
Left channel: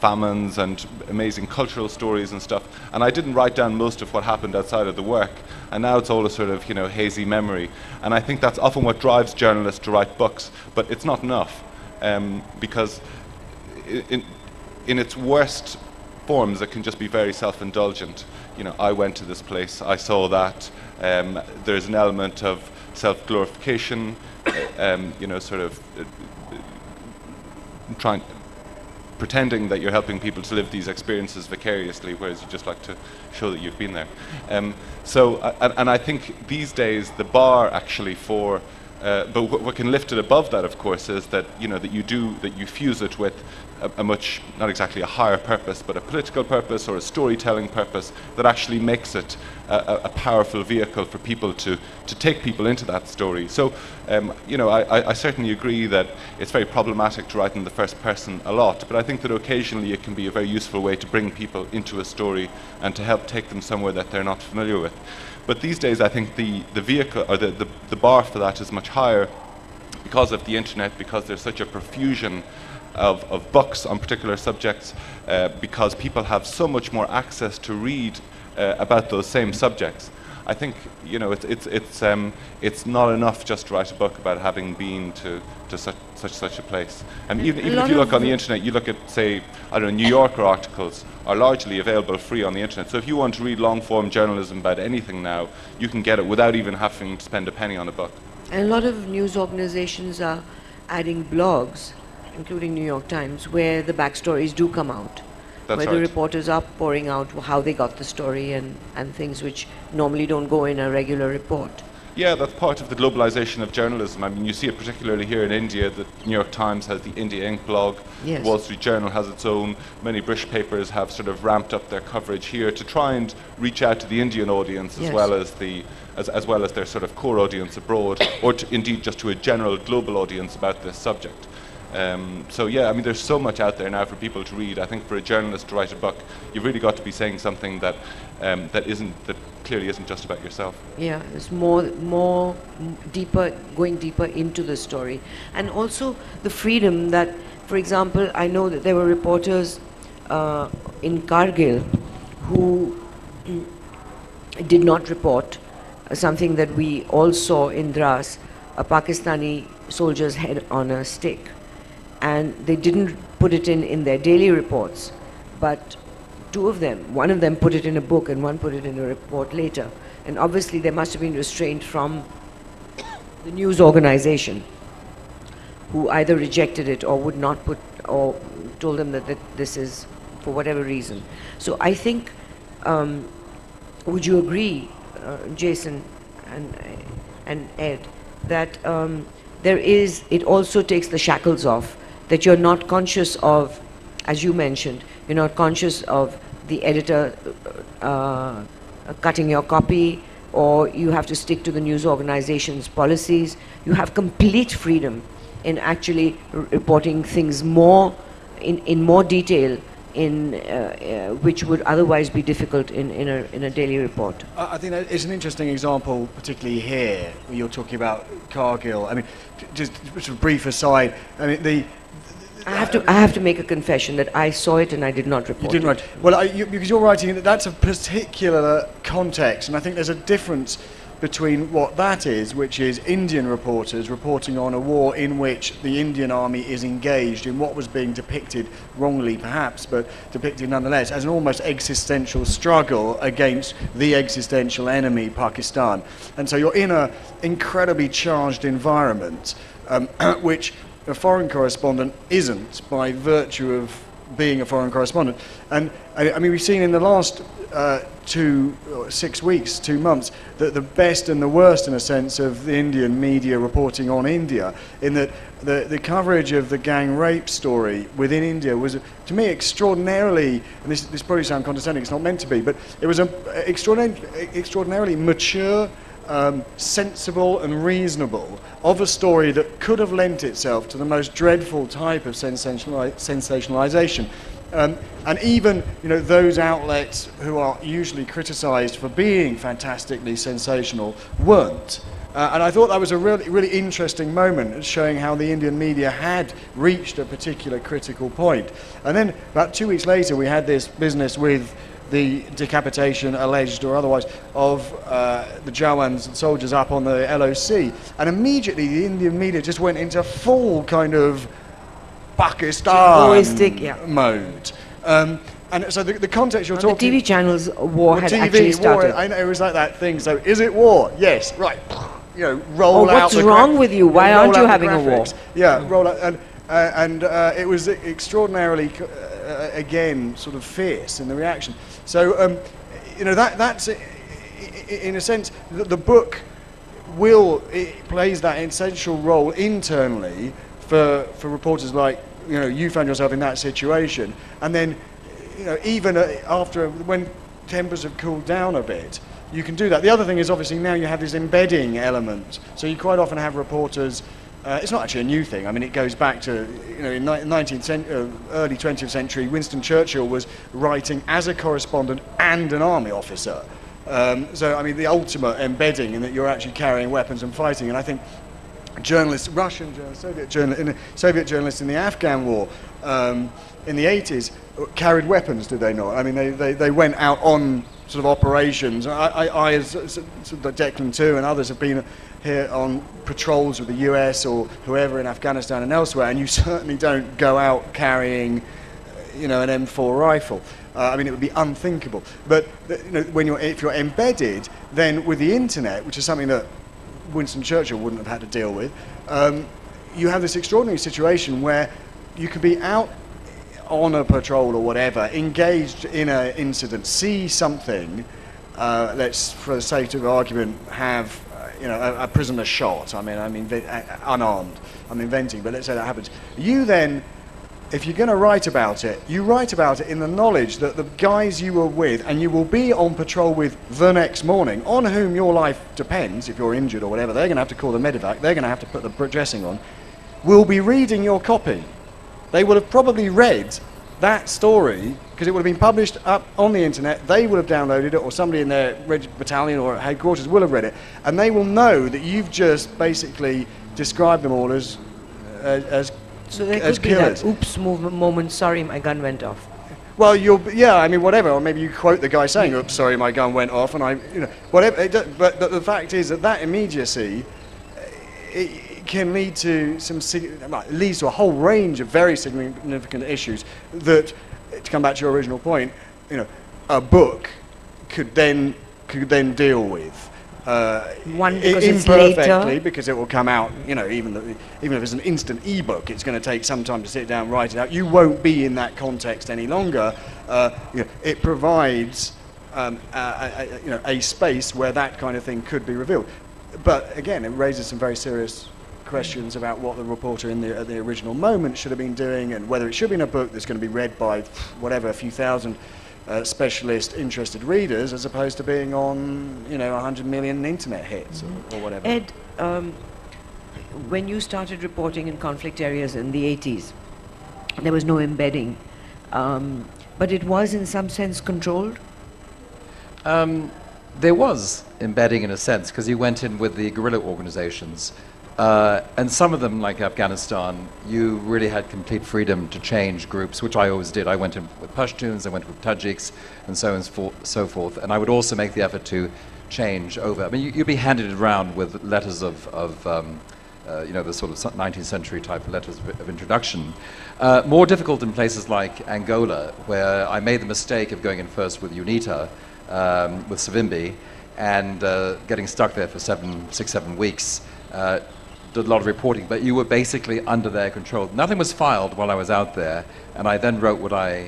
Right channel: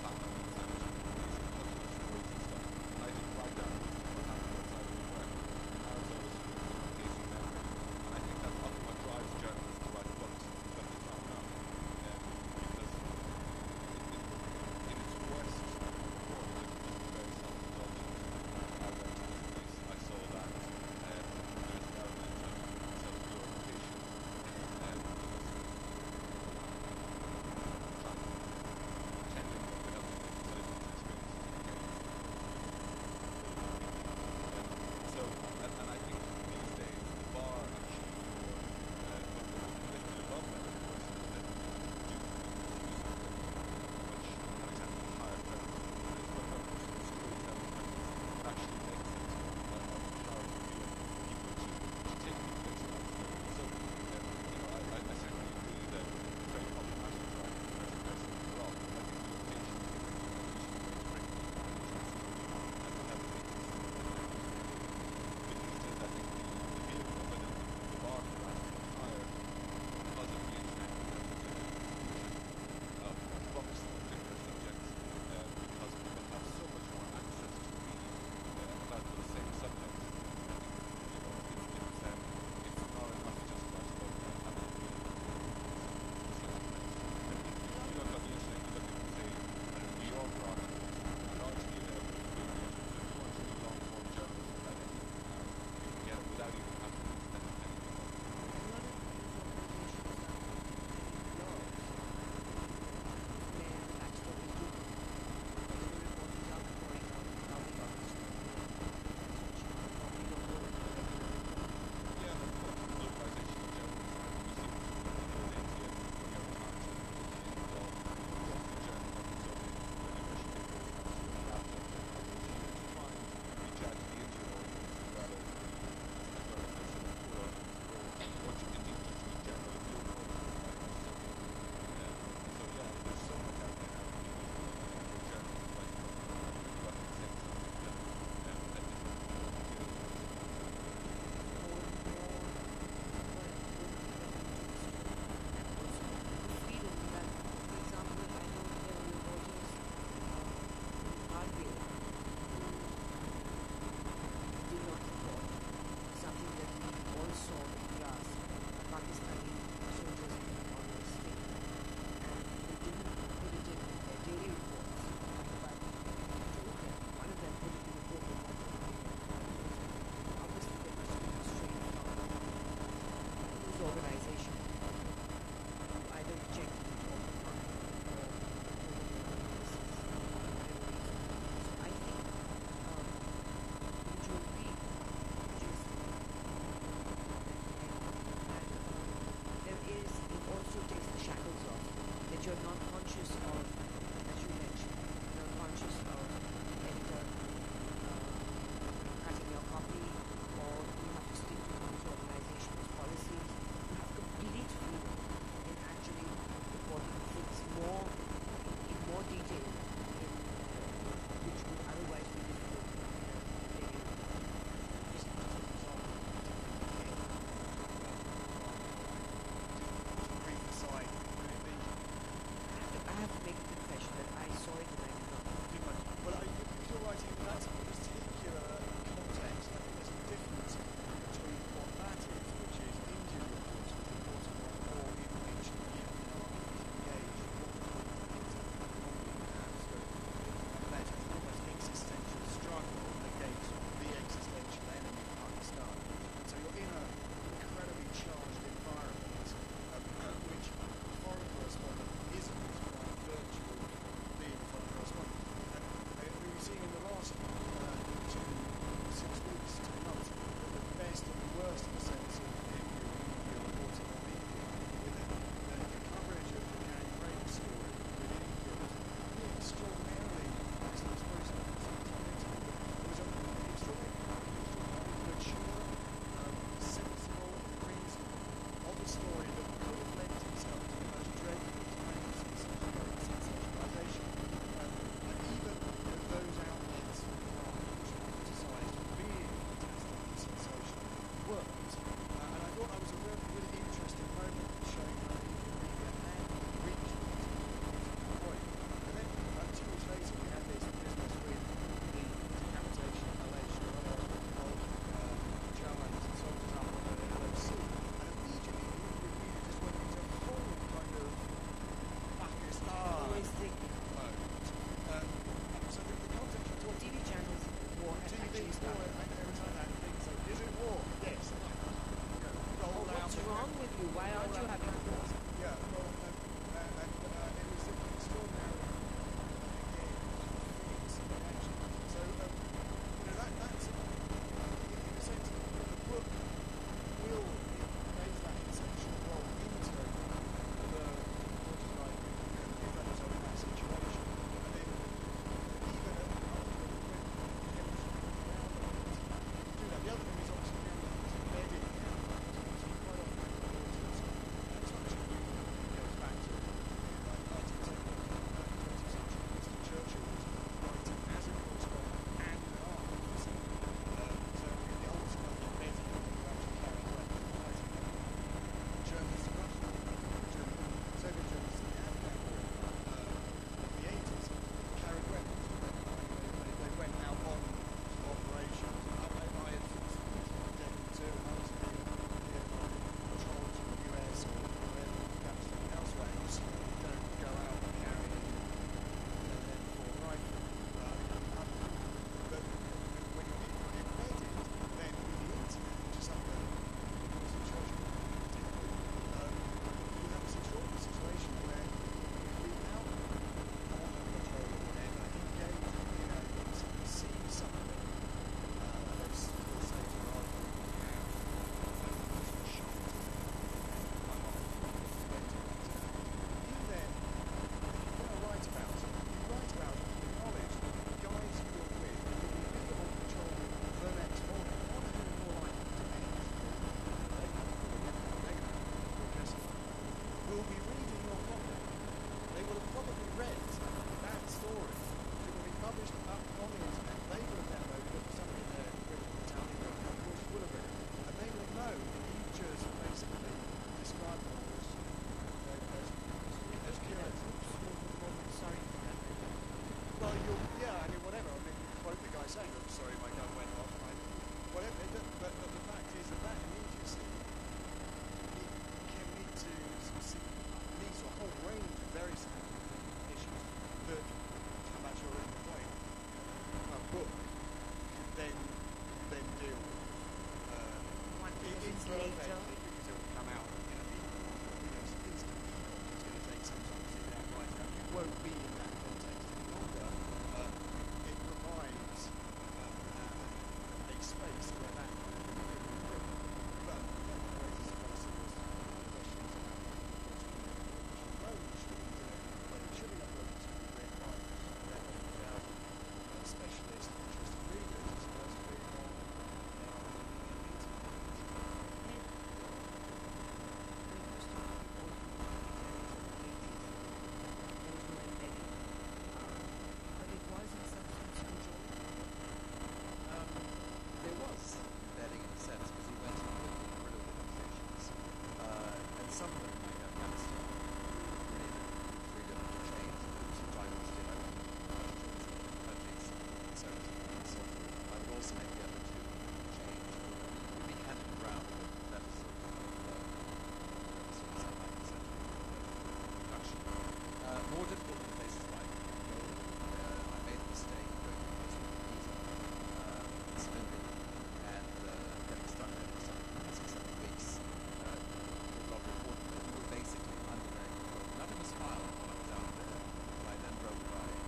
famines and amazing cultural stories and stuff. And I didn't write down most of what happened outside of the work. And now it's all a sort of, hazy memory. And I think that's often what drives journalists to write books, but it's not enough, because in its worst forms, it can just be very self-indulgent. I went to this place, I saw that. There's an element of self-glorification, pretending that you're helping people to live these experiences vicariously, whereas you just like to show that you've been there. And I think these days the bar actually for, but what can lift it above that, of course, is that that you fuse it with a much, not exactly a higher purpose, but a political purpose or a storytelling purpose that actually makes it a powerful vehicle for people to take people into that story. So, I certainly agree that it's very problematic to write in the first person a lot, but I think that occasionally it can be a very useful way to bring people into a story and to help take them somewhere that they're not familiar with. But these days, I think the vehicle, or the bar for that is much higher because of the internet, because there's such a profusion of books on particular subjects, because people have so much more access to read about those same subjects. I think it's not enough just to write a book about having been to such a place. And even if you look on the internet, you look at, say, I don't know, New Yorker articles are largely available free on the internet. So if you want to read long-form journalism about anything now, you can get it without even having to spend a penny on a book. And a lot of news organizations are adding blogs, including New York Times, where the backstories do come out. That's where right. the reporters are pouring out how they got the story and things which normally don't go in a regular report. Yeah, that's part of the globalization of journalism. I mean, you see it particularly here in India. The New York Times has the India Inc. blog. Yes. The Wall Street Journal has its own. Many British papers have sort of ramped up their coverage here to try and reach out to the Indian audience as well as as well as their sort of core audience abroad, or indeed just to a general global audience about this subject. So yeah, I mean, there's so much out there now for people to read. I think for a journalist to write a book, you've really got to be saying something that that clearly isn't just about yourself. Yeah, it's more deeper, going deeper into the story, and also the freedom that, for example, I know that there were reporters in Kargil who did not report something that we all saw in Dras, a Pakistani soldier's head on a stake, and they didn't put it in their daily reports, but two of them, one of them put it in a book and one put it in a report later. And obviously there must have been restraint from the news organization, who either rejected it or would not put, or told them that this is for whatever reason. So I think, would you agree, Jason and Ed, that it also takes the shackles off, that you're not conscious of, as you mentioned, you're not conscious of the editor cutting your copy, or you have to stick to the news organization's policies. You have complete freedom in actually reporting things more in more detail, which would otherwise be difficult in a daily report. I think that it's an interesting example, particularly here, where you're talking about Kargil. I mean, just a brief aside. I mean, I have to make a confession that I saw it and I did not report. You didn't write. Well, because you're writing that's a particular context, and I think there's a difference between what that is, which is Indian reporters reporting on a war in which the Indian army is engaged in what was being depicted, wrongly perhaps, but depicted nonetheless, as an almost existential struggle against the existential enemy, Pakistan. And so you're in an incredibly charged environment, which a foreign correspondent isn't by virtue of being a foreign correspondent. And I mean, we've seen in the last 6 weeks, 2 months, that the best and the worst, in a sense, of the Indian media reporting on India, in that the coverage of the gang rape story within India was, to me, extraordinarily, and this probably sounds condescending, it's not meant to be, but it was extraordinarily mature, sensible and reasonable, of a story that could have lent itself to the most dreadful type of sensationalization. And even, those outlets who are usually criticized for being fantastically sensational weren't. And I thought that was a really, really interesting moment, showing how the Indian media had reached a particular critical point. And then about 2 weeks later, we had this business with the decapitation, alleged or otherwise, of the Jawans and soldiers up on the LOC. And immediately the Indian media just went into full kind of Pakistan mode. And so the context you're talking... The TV channels war had actually started. I know, it was like that thing. So is it war? Yes, right. Roll out. What's wrong with you? Why aren't you having a war? Yeah, roll out. And it was extraordinarily, again, sort of fierce in the reaction. So, that's, in a sense, the book plays that essential role internally for reporters like, you found yourself in that situation. And then, even after, when tempers have cooled down a bit, you can do that. The other thing is, obviously, now you have this embedding element. So you quite often have reporters, it's not actually a new thing. I mean, it goes back to, in 19th century, early 20th century, Winston Churchill was writing as a correspondent and an army officer. So, I mean, the ultimate embedding in that you're actually carrying weapons and fighting. And I think journalists, Russian journalists, Soviet journalists in the Afghan war in the 80s carried weapons, did they not? I mean, they went out on sort of operations. I as sort of Declan too, and others have been here on patrols with the US or whoever in Afghanistan and elsewhere, and you certainly don't go out carrying, an M4 rifle. I mean, it would be unthinkable. But if you're embedded, then with the internet, which is something that Winston Churchill wouldn't have had to deal with, you have this extraordinary situation where you could be out on a patrol or whatever, engaged in an incident, see something, let's, for the sake of argument, have a prisoner shot. I mean, unarmed. I'm inventing, but let's say that happens. You then, if you're going to write about it, you write about it in the knowledge that the guys you were with, and you will be on patrol with the next morning, on whom your life depends, if you're injured or whatever, they're going to have to call the medevac, they're going to have to put the dressing on. will be reading your copy. They will have probably read that story because it would have been published up on the internet. They will have downloaded it, or somebody in their battalion or headquarters will have read it, and they will know that you've just basically described them all as So there as could be killers. that oops moment, sorry, my gun went off. Well, I mean, whatever, or maybe you quote the guy saying, "Oops, sorry, my gun went off," and whatever. But the fact is that immediacy, it can lead to leads to a whole range of very significant issues that, to come back to your original point, a book could then deal with. One, because it's later. Imperfectly, because it will come out, even if it's an instant e-book, it's going to take some time to sit down and write it out. You won't be in that context any longer. It provides a space where that kind of thing could be revealed. But again, it raises some very serious questions about what the reporter at the original moment should have been doing, and whether it should be in a book that's going to be read by a few thousand specialist interested readers, as opposed to being on 100 million internet hits or whatever. Ed, when you started reporting in conflict areas in the 80s, there was no embedding, but it was in some sense controlled? There was embedding in a sense, because you went in with the guerrilla organizations, and some of them, like Afghanistan, you really had complete freedom to change groups, which I always did. I went in with Pashtuns, I went with Tajiks, and so on and so forth. And I would also make the effort to change over. I mean, you'd be handed around with letters of the sort of 19th century type letters of introduction. More difficult in places like Angola, where I made the mistake of going in first with UNITA, with Savimbi, and getting stuck there for 6, 7 weeks. Did a lot of reporting, but you were basically under their control. Nothing was filed while I was out there, and I then wrote what I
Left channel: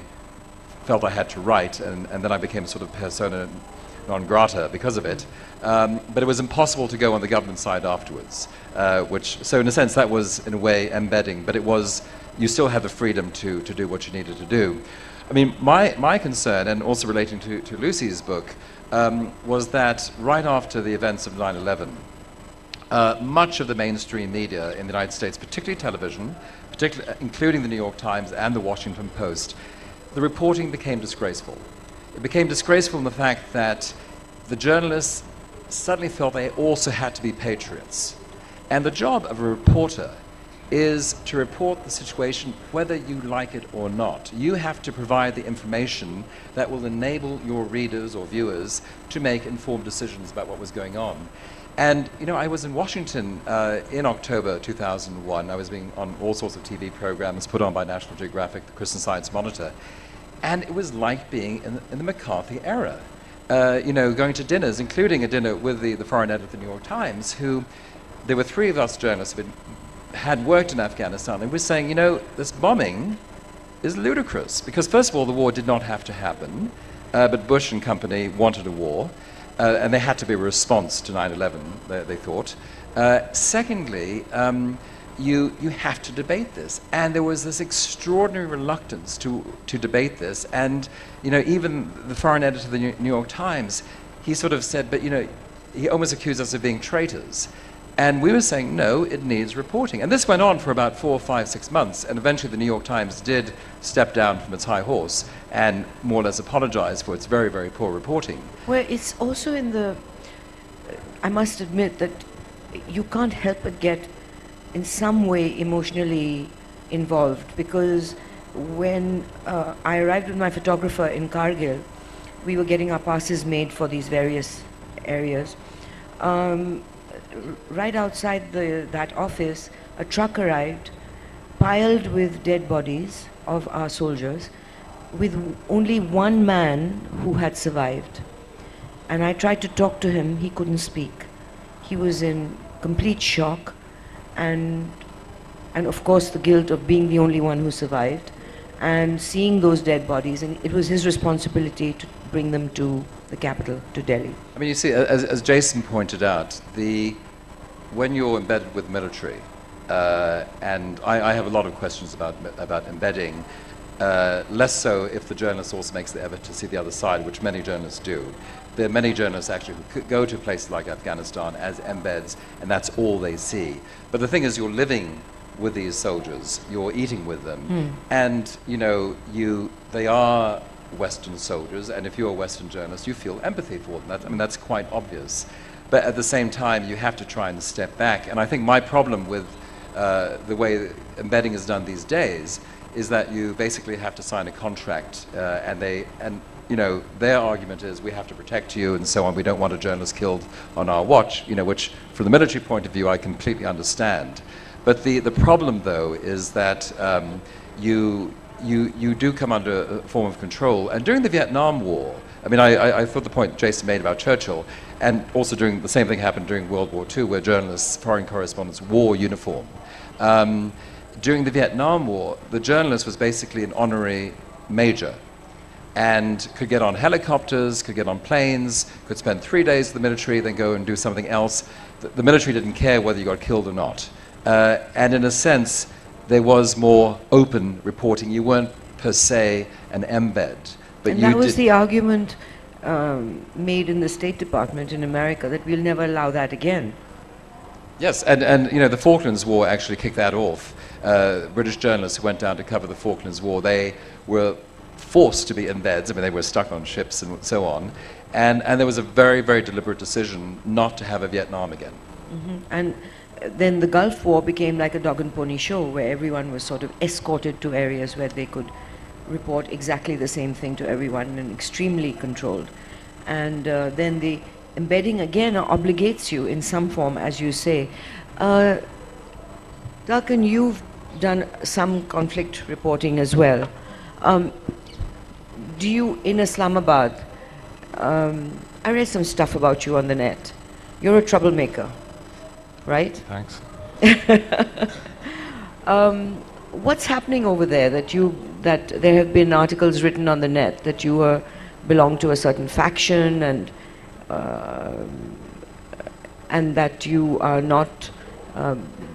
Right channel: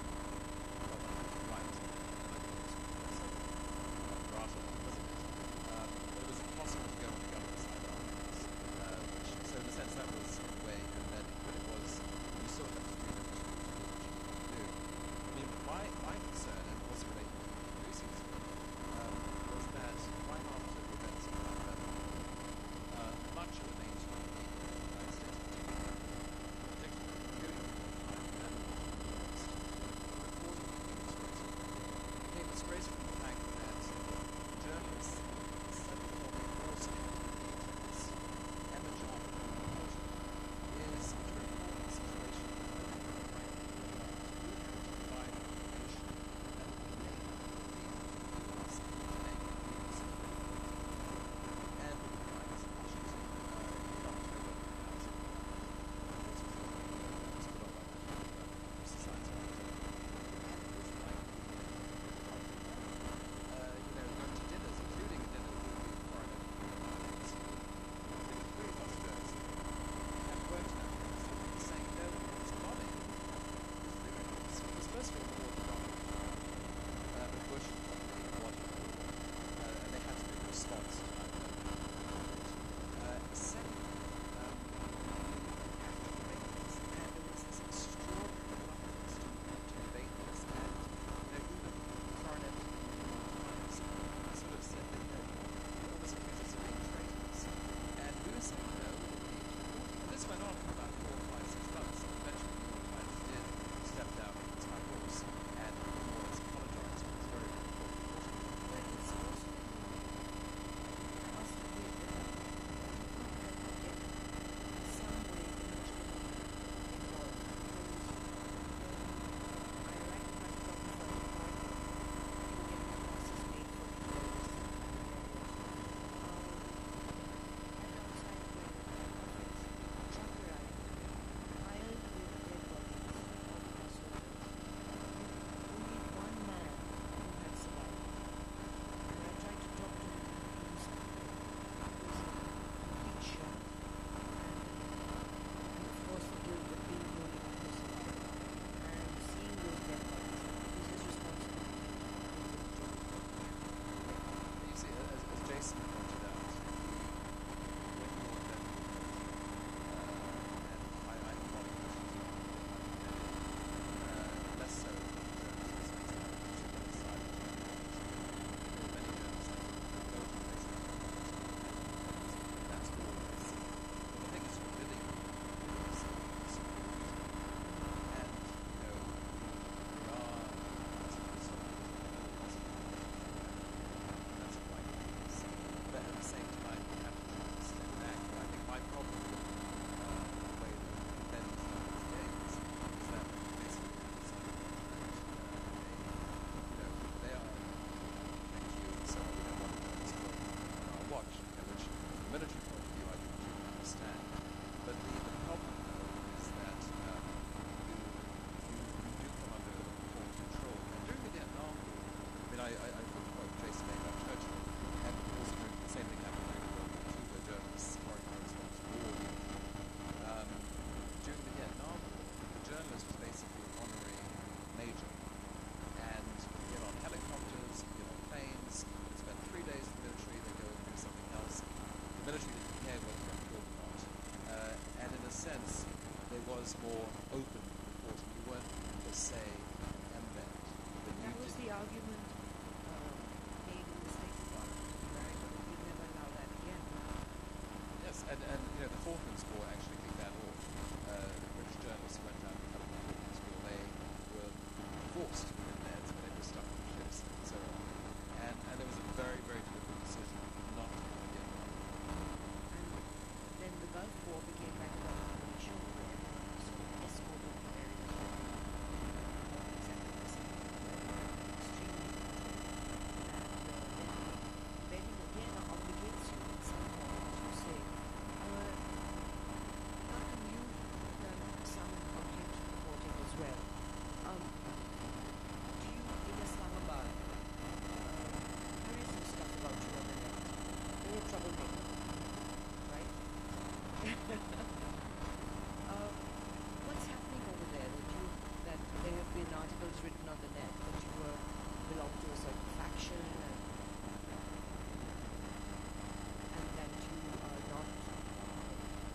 felt I had to write, and then I became sort of persona non grata because of it. But it was impossible to go on the government side afterwards, so in a sense that was in a way embedding, but you still had the freedom to do what you needed to do. I mean, my concern, and also relating to Lucy's book, was that right after the events of 9/11, much of the mainstream media in the United States, particularly television, including the New York Times and the Washington Post, the reporting became disgraceful. It became disgraceful in the fact that the journalists suddenly felt they also had to be patriots. And the job of a reporter is to report the situation whether you like it or not. You have to provide the information that will enable your readers or viewers to make informed decisions about what was going on. And I was in Washington in October 2001. I was being on all sorts of TV programs put on by National Geographic, the Christian Science Monitor, and it was like being in the McCarthy era. Going to dinners, including a dinner with the foreign editor of the New York Times, there were 3 of us journalists who had worked in Afghanistan, and we're saying, this bombing is ludicrous, because first of all, the war did not have to happen, but Bush and company wanted a war. And they had to be a response to 9/11, they thought. Secondly, you have to debate this. And there was this extraordinary reluctance to debate this. And even the foreign editor of the New York Times, he sort of said, but he almost accused us of being traitors. And we were saying, no, it needs reporting. And this went on for about 4, 5, 6 months. And eventually the New York Times did step down from its high horse and more or less apologize for its very, very poor reporting. Well, it's also I must admit that you can't help but get in some way emotionally involved, because when I arrived with my photographer in Kargil, we were getting our passes made for these various areas. Right outside that office, a truck arrived piled with dead bodies of our soldiers, with only one man who had survived. And I tried to talk to him, he couldn't speak. He was in complete shock, and of course the guilt of being the only one who survived, and seeing those dead bodies, and it was his responsibility to bring them to the capital, to Delhi. I mean, you see, as Jason pointed out, when you're embedded with military, and I have a lot of questions about embedding, less so if the journalist also makes the effort to see the other side, which many journalists do. There are many journalists actually who go to places like Afghanistan as embeds, and that's all they see. But the thing is, you're living with these soldiers. You're eating with them, and you know they are Western soldiers, and if you're a Western journalist, you feel empathy for them. I mean, that's quite obvious. But at the same time, you have to try and step back. And I think my problem with the way embedding is done these days is that you basically have to sign a contract, and you know, their argument is we have to protect you and so on. We don't want a journalist killed on our watch, you know, which from the military point of view, I completely understand. But the problem, though, is that you do come under a form of control. And during the Vietnam War, I mean, I thought the point Jason made about Churchill, and also during the same thing happened during World War II, where journalists, foreign correspondents wore uniform. During the Vietnam War, the journalist was basically an honorary major and could get on helicopters, could get on planes, could spend 3 days in the military, then go and do something else. The military didn't care whether you got killed or not. And in a sense, there was more open reporting. You weren't per se an embed. But and that was the argument made in the State Department in America, that we'll never allow that again. Yes, and you know, the Falklands War actually kicked that off. British journalists who went down to cover the Falklands War, they were forced to be embeds. I mean, they were stuck on ships and so on. And there was a very, very deliberate decision not to have a Vietnam again. And then the Gulf War became like a dog and pony show, where everyone was sort of escorted to areas where they could report exactly the same thing to everyone, and extremely controlled. And then the embedding again obligates you in some form, as you say. Duncan, you've done some conflict reporting as well. Do you, in Islamabad, I read some stuff about you on the net. You're a troublemaker, right? Thanks. What's happening over there that there have been articles written on the net that you belong to a certain faction, and that you are not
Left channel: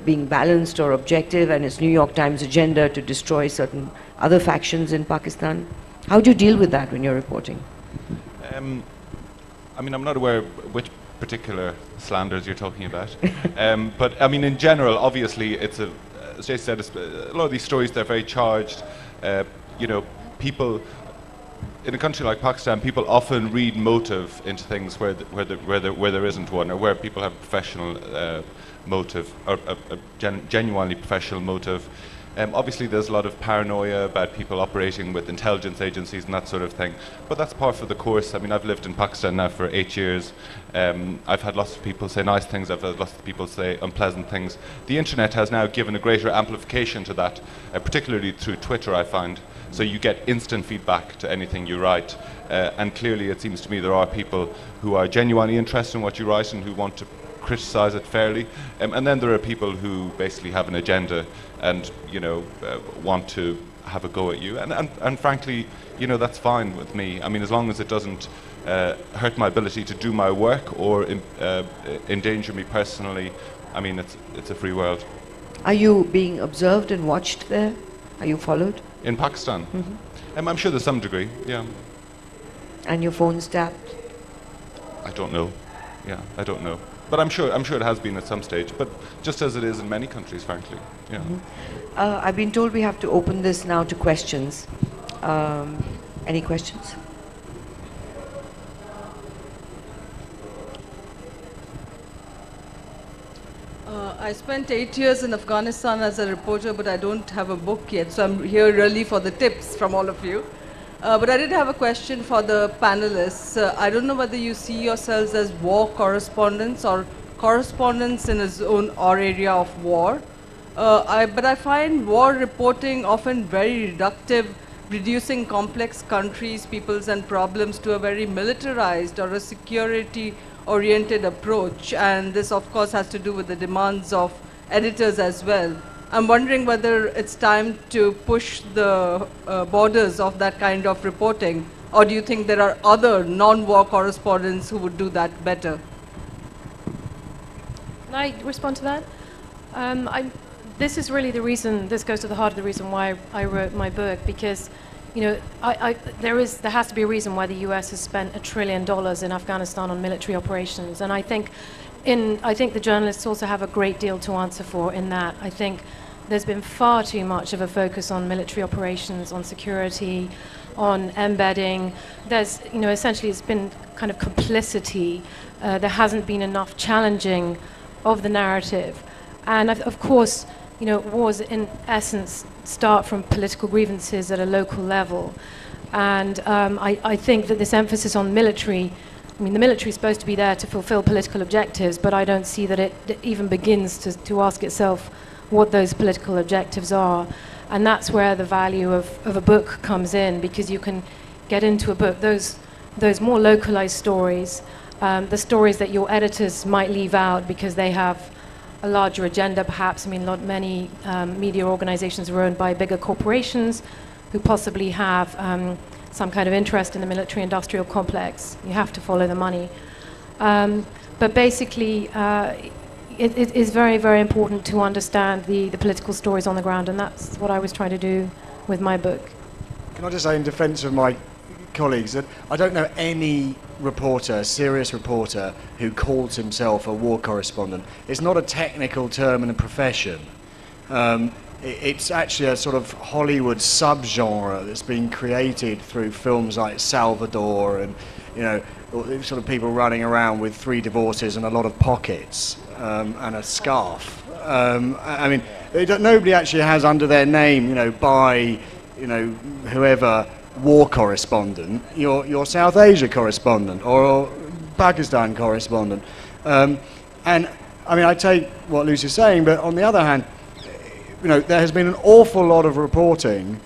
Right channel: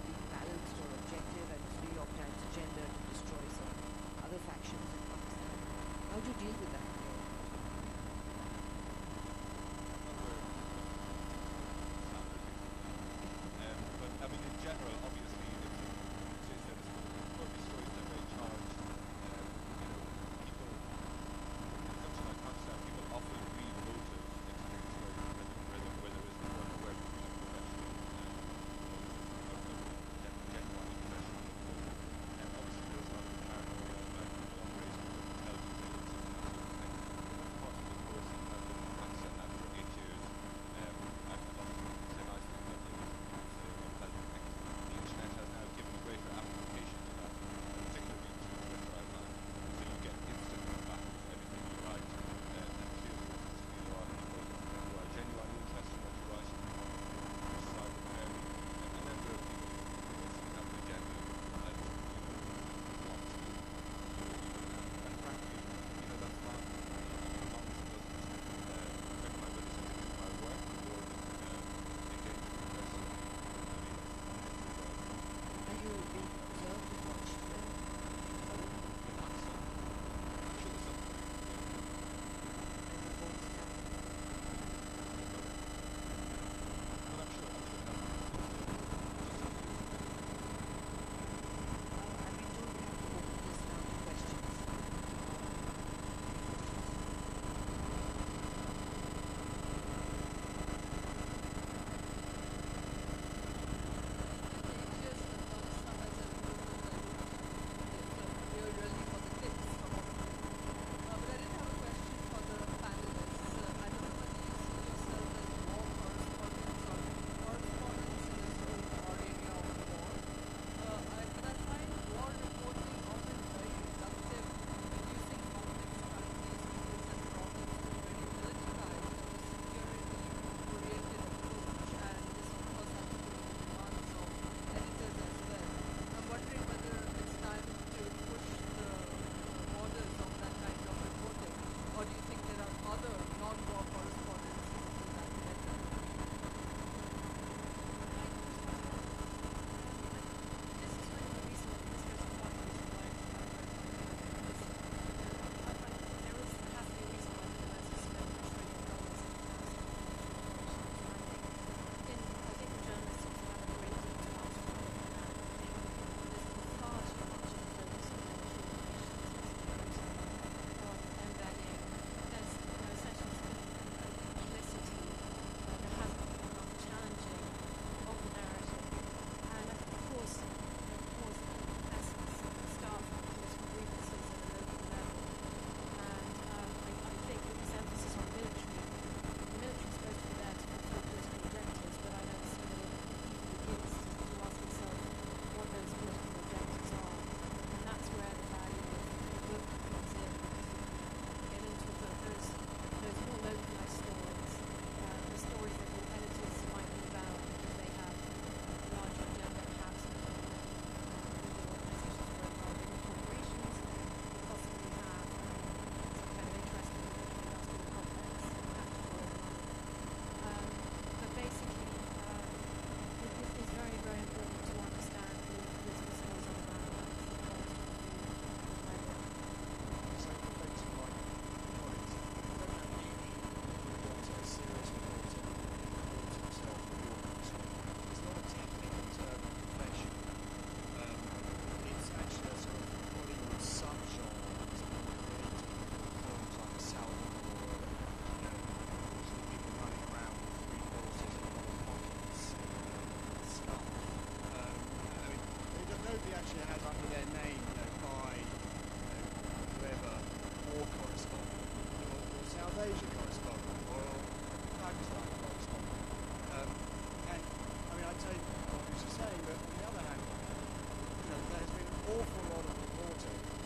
being balanced or objective, and it's New York Times agenda to destroy certain other factions in Pakistan? How do you deal with that when you're reporting? I mean, I'm not aware of which particular slanders you're talking about. But I mean, in general, obviously, it's as Jay said, a lot of these stories, they're very charged. You know, people in a country like Pakistan, people often read motive into things where there isn't one, or where people have professional motive, or a genuinely professional motive. Obviously, there's a lot of paranoia about people operating with intelligence agencies and that sort of thing, but that's par for the course. I mean, I've lived in Pakistan now for 8 years. I've had lots of people say nice things, I've had lots of people say unpleasant things. The internet has now given a greater amplification to that, particularly through Twitter, I find. So you get instant feedback to anything you write. And clearly, it seems to me there are people who are genuinely interested in what you write and who want to criticize it fairly. And then there are people who basically have an agenda and, you know, want to have a go at you. And frankly, you know, that's fine with me. I mean, as long as it doesn't hurt my ability to do my work or endanger me personally, I mean, it's a free world. Are you being observed and watched there? Are you followed? In Pakistan? I'm sure there's some degree, yeah. And your phone's tapped? I don't know. Yeah, I don't know. But I'm sure it has been at some stage, but just as it is in many countries, frankly. Yeah. I've been told we have to open this now to questions. Any questions? I spent 8 years in Afghanistan as a reporter, but I don't have a book yet, so I'm here really for the tips from all of you. But I did have a question for the panelists. I don't know whether you see yourselves as war correspondents or correspondents in a zone or area of war. But I find war reporting often very reductive, reducing complex countries, peoples and problems to a very militarized or a security-oriented approach. And this, of course, has to do with the demands of editors as well. I'm wondering whether it's time to push the borders of that kind of reporting, or do you think there are other non-war correspondents who would do that better? Can I respond to that? This is really the reason, this goes to the heart of the reason why I wrote my book, because, you know, there has to be a reason why the US has spent $1 trillion in Afghanistan on military operations, and I think the journalists also have a great deal to answer for in that. I think there's been far too much of a focus on military operations, on security, on embedding. There's, essentially it's been kind of complicity. There hasn't been enough challenging of the narrative. And of course, wars in essence start from political grievances at a local level. And I think that this emphasis on military, the military is supposed to be there to fulfill political objectives, but I don't see that it even begins to ask itself what those political objectives are. And that's where the value of a book comes in, because you can get into a book those more localized stories, the stories that your editors might leave out because they have a larger agenda perhaps. Not many media organizations are owned by bigger corporations who possibly have some kind of interest in the military-industrial complex. You have to follow the money. But basically, it is very, very important to understand the political stories on the ground, and that's what I was trying to do with my book. Can I just say in defence of my colleagues that I don't know any reporter, serious reporter, who calls himself a war correspondent. It's not a technical term in a profession. It's actually a sort of Hollywood subgenre that's been created through films like Salvador and, sort of people running around with 3 divorces and a lot of pockets and a scarf. Nobody actually has under their name, by, whoever, war correspondent, your South Asia correspondent or Pakistan correspondent. I take what Lucy's saying, but on the other hand, there has been an awful lot of reporting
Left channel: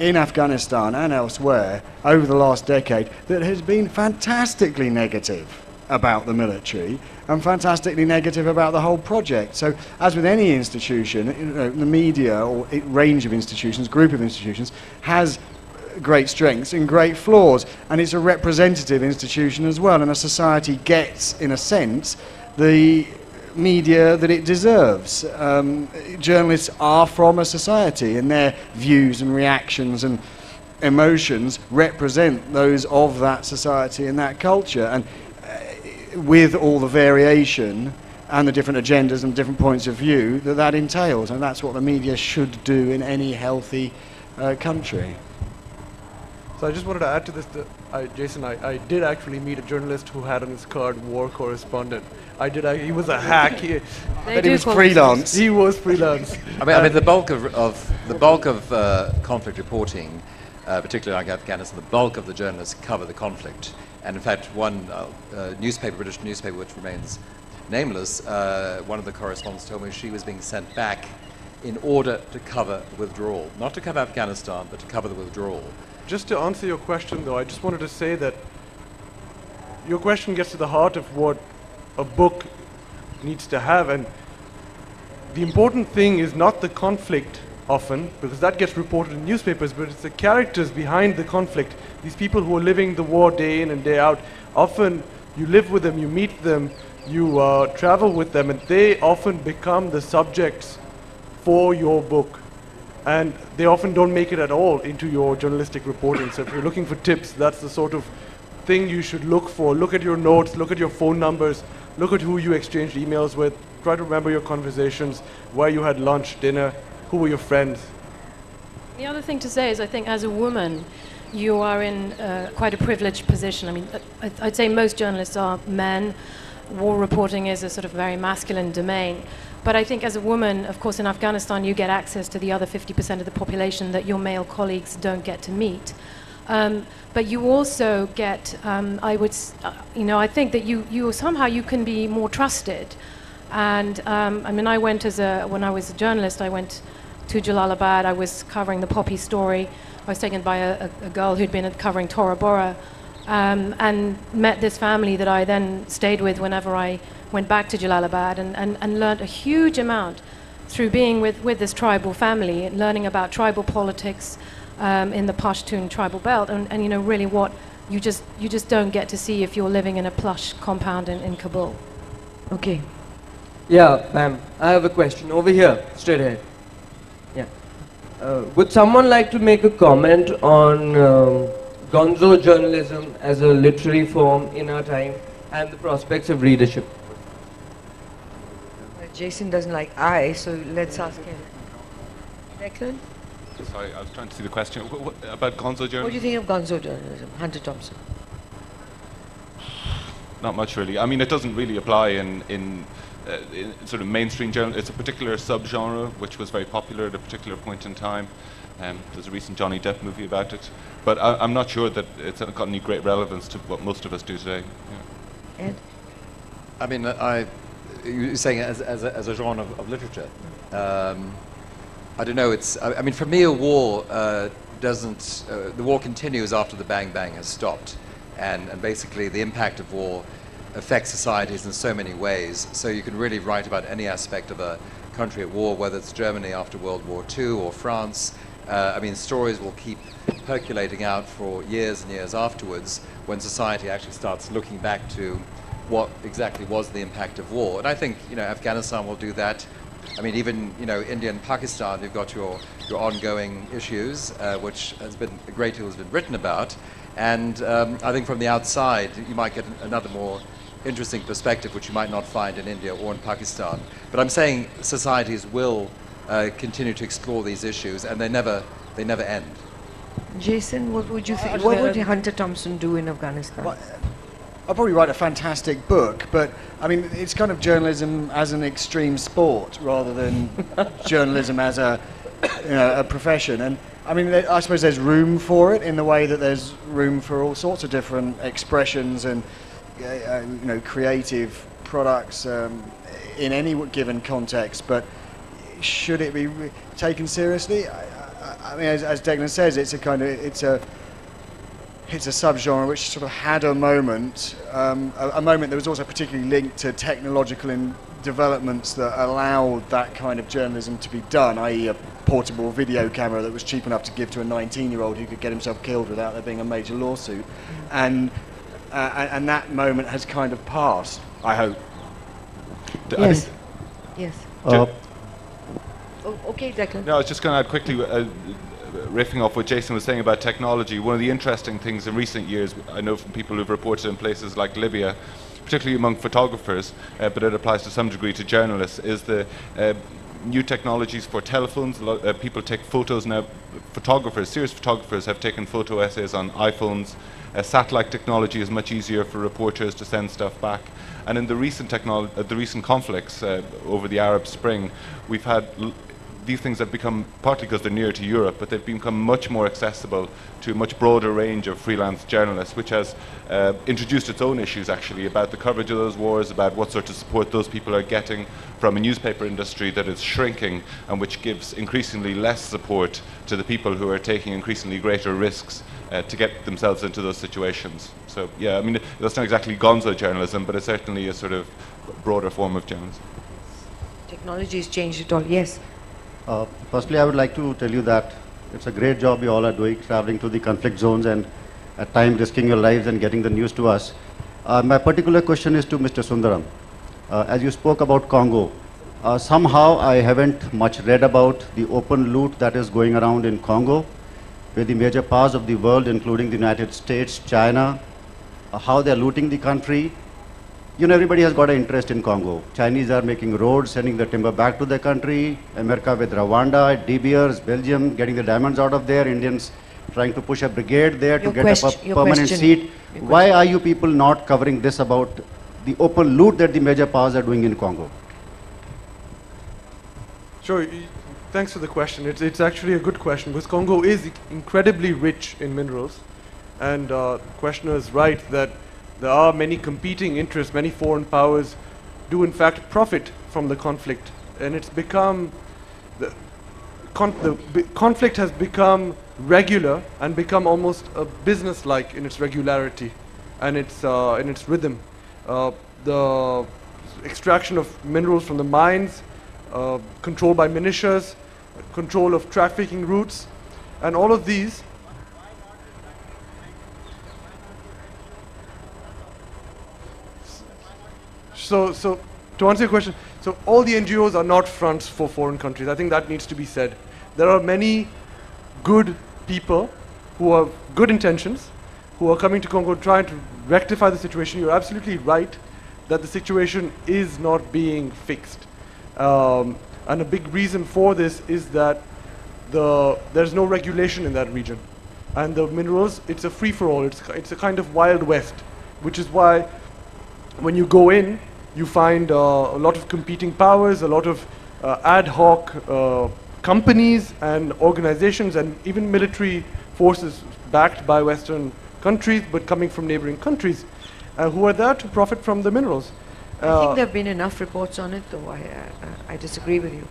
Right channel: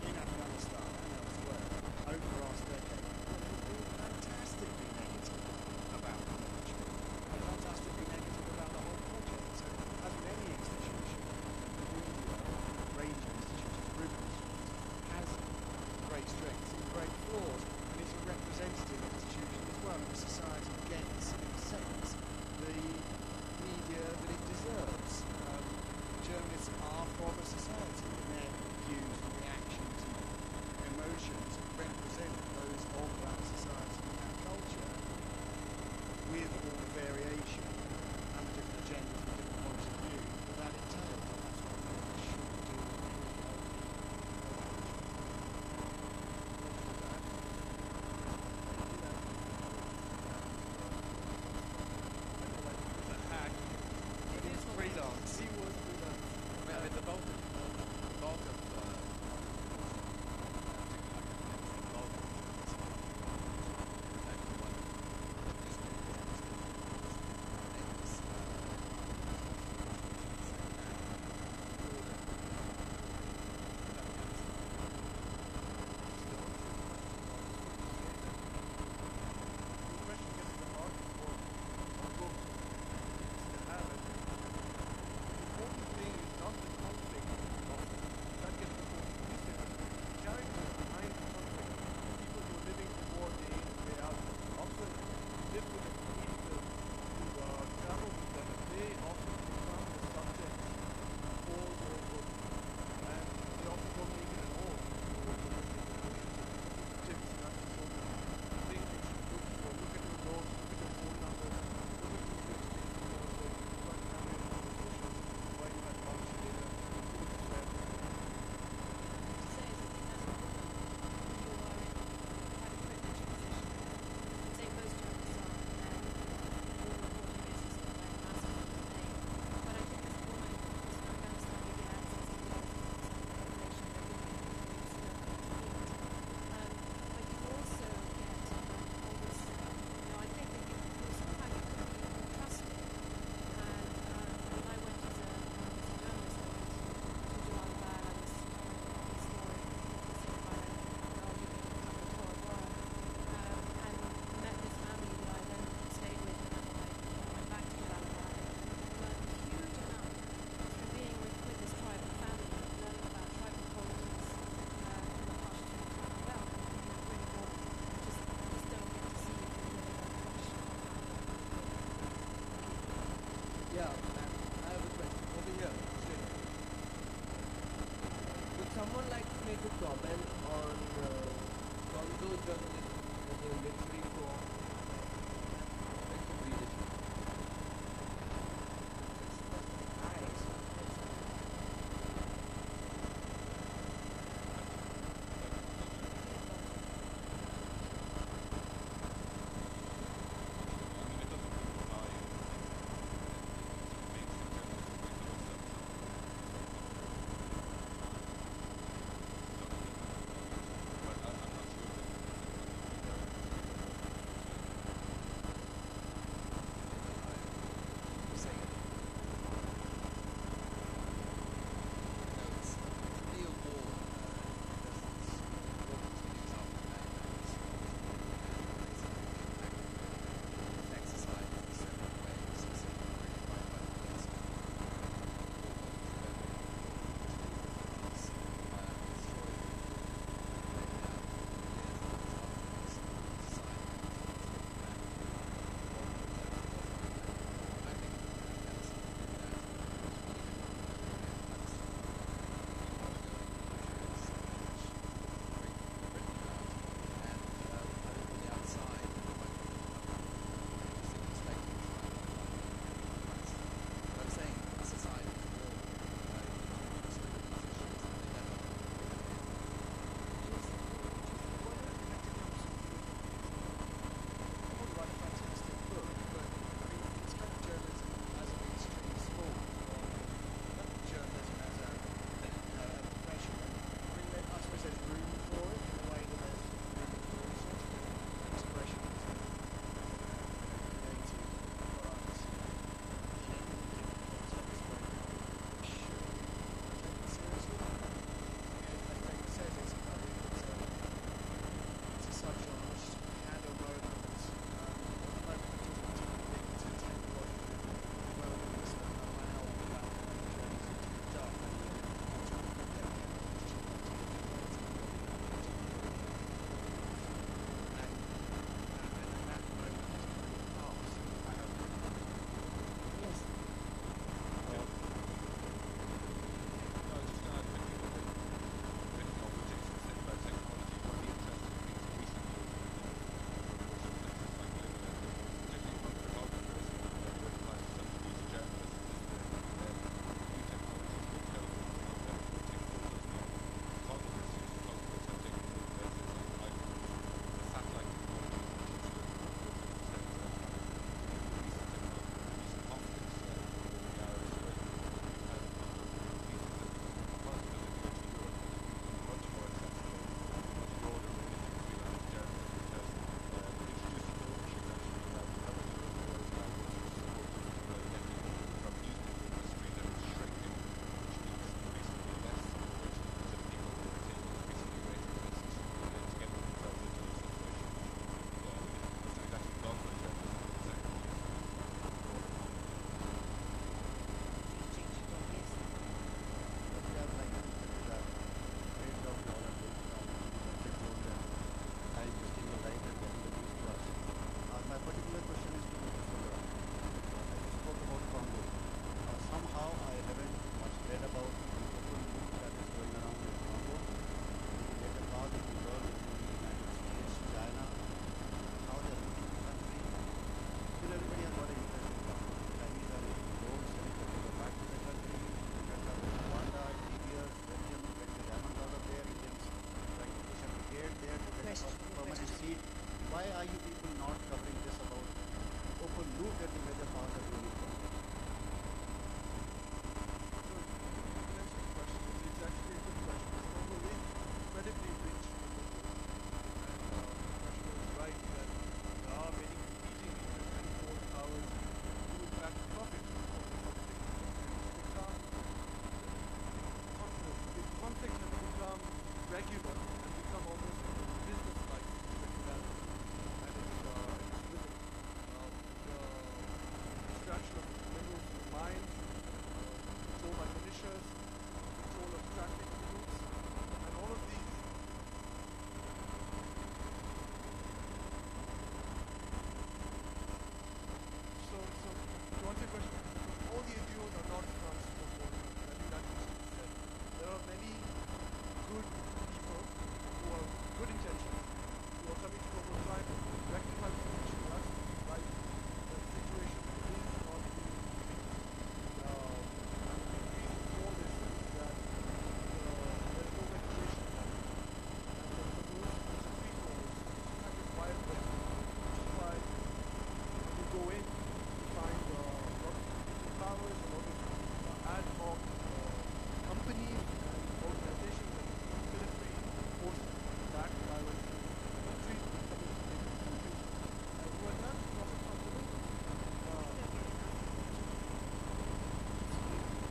in Afghanistan and elsewhere over the last decade that has been fantastically negative about the military and fantastically negative about the whole project. So, as with any institution, the media or range of institutions, group of institutions, has great strengths and great flaws, and it's a representative institution as well, and a society gets, in a sense, the media that it deserves. Journalists are from a society, and their views and reactions and emotions represent those of that society and that culture, and with all the variation and the different agendas and different points of view that entails, and that's what the media should do in any healthy country. So I just wanted to add to this that, Jason, I did actually meet a journalist who had on his card war correspondent. He was a hack. But he was freelance. He was freelance. The bulk of conflict reporting, particularly like Afghanistan, the bulk of the journalists cover the conflict. And in fact, one British newspaper, which remains nameless, one of the correspondents told me she was being sent back in order to cover the withdrawal, not to cover Afghanistan, but to cover the withdrawal. Just to answer your question, though, I just wanted to say that your question gets to the heart of what a book needs to have, and the important thing is not the conflict often, because that gets reported in newspapers, but it's the characters behind the conflict. These people who are living the war day in and day out, often you live with them, you meet them, you travel with them, and they often become the subjects for your book. And they often don't make it at all into your journalistic reporting. So if you're looking for tips, that's the sort of thing you should look for. Look at your notes, look at your phone numbers, look at who you exchanged emails with, try to remember your conversations, where you had lunch, dinner, who were your friends. The other thing to say is I think as a woman, you are in quite a privileged position. I'd say most journalists are men. War reporting is a sort of very masculine domain. But I think as a woman, of course, in Afghanistan, you get access to the other 50% of the population that your male colleagues don't get to meet. But you also get, I think that you somehow you can be more trusted. And I went when I was a journalist, I went to Jalalabad. I was covering the poppy story. I was taken by a girl who'd been covering Tora Bora, and met this family that I then stayed with whenever I went back to Jalalabad, and learned a huge amount through being with this tribal family, and learning about tribal politics in the Pashtun tribal belt, and really what you just don't get to see if you're living in a plush compound in Kabul. Okay. Yeah, ma'am, I have a question over here, straight ahead. Yeah. Would someone like to make a comment on gonzo journalism as a literary form in our time and the prospects of readership? Jason doesn't like I, so let's ask him. Declan? Sorry, I was trying to see the question. About gonzo journalism? What do you think of gonzo journalism, Hunter Thompson? Not much, really. I mean, it doesn't really apply in sort of mainstream journalism. It's a particular subgenre which was very popular at a particular point in time. There's a recent Johnny Depp movie about it. But I'm not sure that it's got any great relevance to what most of us do today. Yeah. Ed? I mean, you're saying as a genre of literature. I don't know. I mean, for me, a war doesn't. The war continues after the bang bang has stopped, and basically the impact of war affects societies in so many ways. So you can really write about any aspect of a country at war, whether it's Germany after World War II or France. I mean, stories will keep percolating out for years and years afterwards when society actually starts looking back to what exactly was the impact of war. And I think, Afghanistan will do that. I mean, even, India and Pakistan, you've got your ongoing issues, which has been a great deal has been written about. And I think from the outside, you might get another more interesting perspective, which you might not find in India or in Pakistan. But I'm saying societies will continue to explore these issues, and they never end. Jason, what would you think? What would Hunter Thompson do in Afghanistan? Well, I'll probably write a fantastic book, but I mean, it's kind of journalism as an extreme sport rather than journalism as a profession. And I mean, I suppose there's room for it in the way that there's room for all sorts of different expressions and creative products in any given context. But should it be taken seriously? I mean, as Declan says, it's a subgenre which sort of had a moment that was also particularly linked to technological developments that allowed that kind of journalism to be done, i.e. a portable video camera that was cheap enough to give to a 19-year-old who could get himself killed without there being a major lawsuit. And that moment has kind of passed, I hope. Yes. Yes. Okay, Declan. No, I was just going to add quickly, riffing off what Jason was saying about technology. One of the interesting things in recent years, I know from people who've reported in places like Libya, particularly among photographers, but it applies to some degree to journalists, is the new technologies for telephones. People take photos now. Serious photographers have taken photo essays on iPhones. Satellite technology is much easier for reporters to send stuff back. And in the recent conflicts over the Arab Spring, we've had these things have become, partly because they're near to Europe, but they've become much more accessible to a much broader range of freelance journalists, which has introduced its own issues actually about the coverage of those wars, about what sort of support those people are getting from a newspaper industry that is shrinking and which gives increasingly less support to the people who are taking increasingly greater risks to get themselves into those situations. So yeah, I mean, that's not exactly gonzo journalism, but it's certainly a sort of broader form of journalism. Technology has changed it all, yes. Firstly, I would like to tell you that it's a great job you all are doing, traveling to the conflict zones and at times risking your lives and getting the news to us. My particular question is to Mr. Sundaram. As you spoke about Congo, somehow I haven't much read about the open loot that is going around in Congo, where the major powers of the world, including the United States, China, how they're looting the country. Everybody has got an interest in Congo. Chinese are making roads, sending the timber back to their country. America with Rwanda, De Beers, Belgium, getting the diamonds out of there. Indians trying to push a brigade there to get a permanent seat. Why are you people not covering this about the open loot that the major powers are doing in Congo? Sure. Thanks for the question. It's actually a good question because Congo is incredibly rich in minerals. And the questioner is right that there are many competing interests. Many foreign powers do in fact profit from the conflict. And it's become, the conflict has become regular and become almost a business-like in its regularity and in its rhythm. The extraction of minerals from the mines, control by militias, control of trafficking routes, and all of these So to answer your question, so all the NGOs are not fronts for foreign countries. I think that needs to be said. There are many good people who have good intentions, who are coming to Congo trying to rectify the situation. You're absolutely right that the situation is not being fixed. And a big reason for this is that there's no regulation in that region. And the minerals, it's a free-for-all. It's a kind of Wild West, which is why when you go in, you find a lot of competing powers, a lot of ad hoc companies and organizations, and even military forces backed by Western countries, but coming from neighboring countries, who are there to profit from the minerals. I think there have been enough reports on it, though. I disagree with you.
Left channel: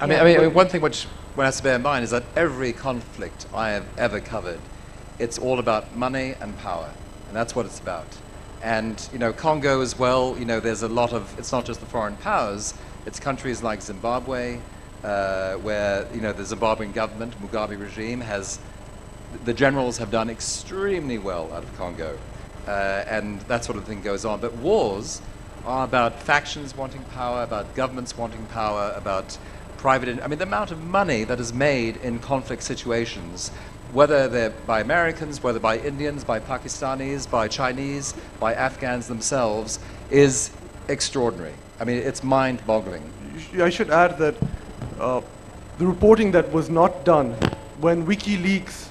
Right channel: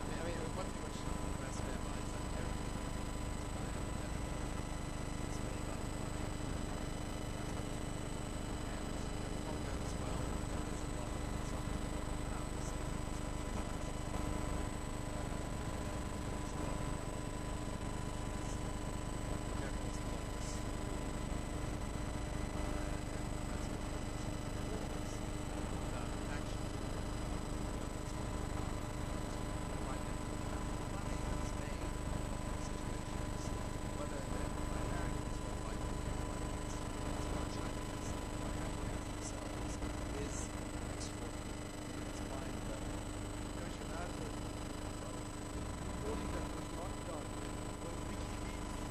I mean, one thing which one has to bear in mind is that every conflict I have ever covered, it's all about money and power, and that's what it's about. And Congo as well. There's a lot of. It's not just the foreign powers. It's countries like Zimbabwe, where the Zimbabwean government, Mugabe regime, the generals have done extremely well out of Congo, and that sort of thing goes on. But wars are about factions wanting power, about governments wanting power, about private. I mean, the amount of money that is made in conflict situations, whether they're by Americans, whether by Indians, by Pakistanis, by Chinese, by Afghans themselves, is extraordinary. I mean, it's mind-boggling. I should add that the reporting that was not done when WikiLeaks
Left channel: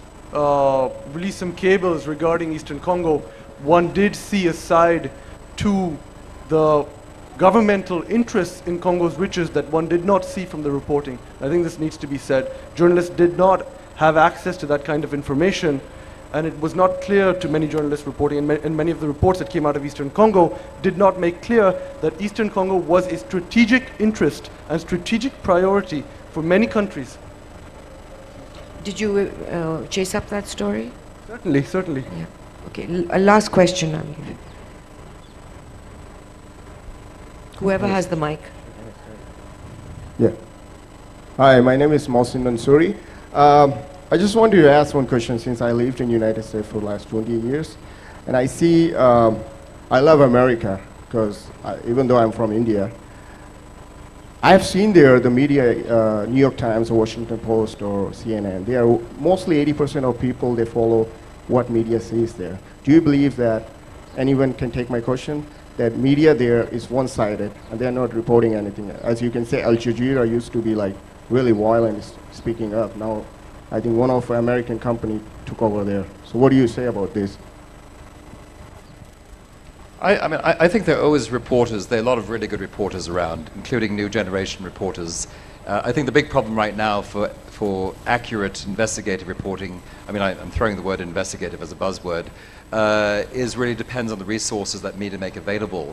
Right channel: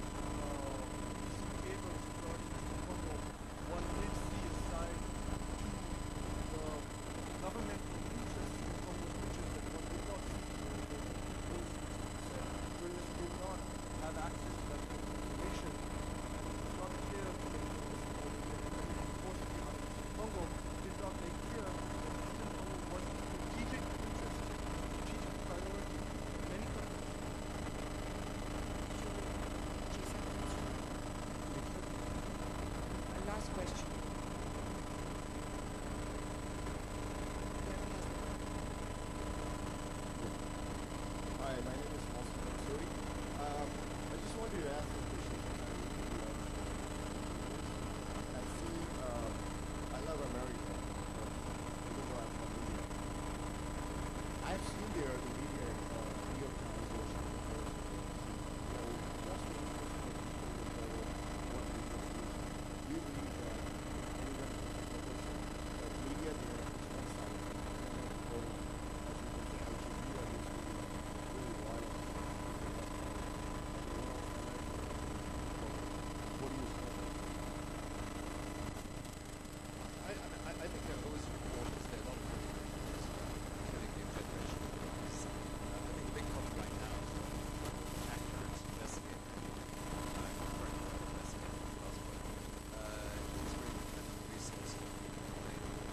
released some cables regarding Eastern Congo, one did see a side to the governmental interests in Congo's riches that one did not see from the reporting. I think this needs to be said. Journalists did not have access to that kind of information, and it was not clear to many journalists reporting, and many of the reports that came out of Eastern Congo did not make clear that Eastern Congo was a strategic interest and strategic priority for many countries. Did you chase up that story? Certainly, certainly. Yeah. Okay, a last question. Whoever has the mic. Yeah. Hi, my name is Mohsin Mansouri. I just wanted to ask one question since I lived in the United States for the last 20 years. And I see, I love America because even though I'm from India, I've seen there the media, New York Times or Washington Post or CNN, they are mostly 80% of people, they follow what media says there. Do you believe that anyone can take my question? That media there is one-sided and they're not reporting anything. As you can say, Al Jazeera used to be like really violent speaking up. Now, I think one of the American companies took over there. So what do you say about this? I think there are always reporters. There are a lot of really good reporters around, including new generation reporters. I think the big problem right now for accurate investigative reporting, I mean, I'm throwing the word investigative as a buzzword, is really depends on the resources that media make available.